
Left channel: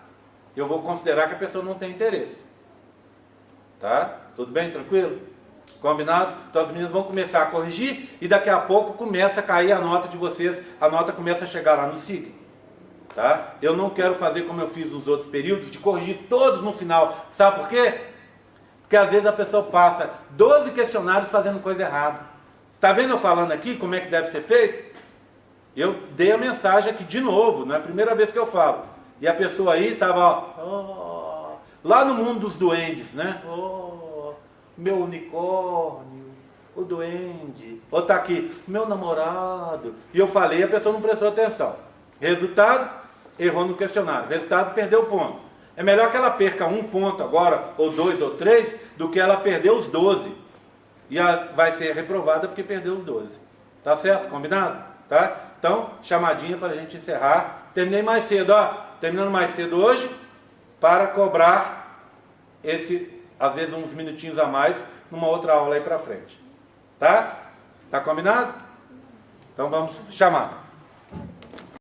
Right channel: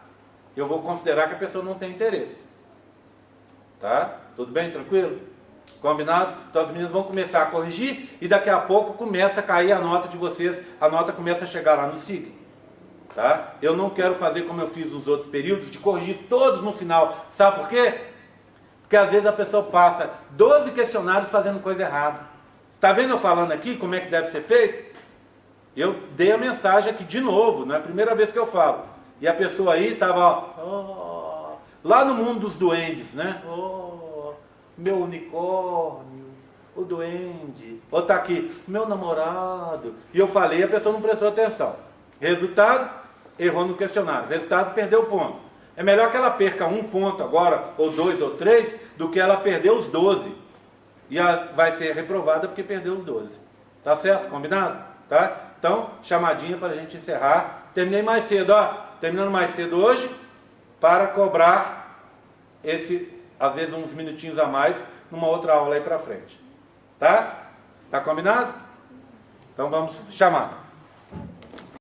Eu vou considerar que a pessoa não tem interesse. Tá? Tudo bem? Tranquilo? Combinado? Então as meninas vão começar a corrigir e daqui a pouco começa a cair a nota de vocês, a nota começa a chegar lá no SIG. Tá? Eu não quero fazer como eu fiz nos outros períodos, de corrigir todos no final. Sabe por quê? Porque às vezes a pessoa passa 12 questionários fazendo coisa errada. Está vendo eu falando aqui como é que deve ser feito? Eu dei a mensagem aqui de novo, não é a primeira vez que eu falo. E a pessoa aí estava lá no mundo dos duendes, né? Oh, meu unicórnio, o duende. Ou está aqui, meu namorado. E eu falei, a pessoa não prestou atenção. Resultado, errou no questionário. Resultado, perdeu o ponto. É melhor que ela perca 1 ponto agora, ou 2 ou 3, do que ela perder os 12. E ela vai ser reprovada porque perdeu os 12. Tá certo? Combinado? Tá? Então, chamadinha para a gente encerrar. Terminei mais cedo, ó. Terminando mais cedo hoje, para cobrar às vezes uns minutinhos a mais, numa outra aula aí para frente. Tá? Tá combinado? Então vamos chamar.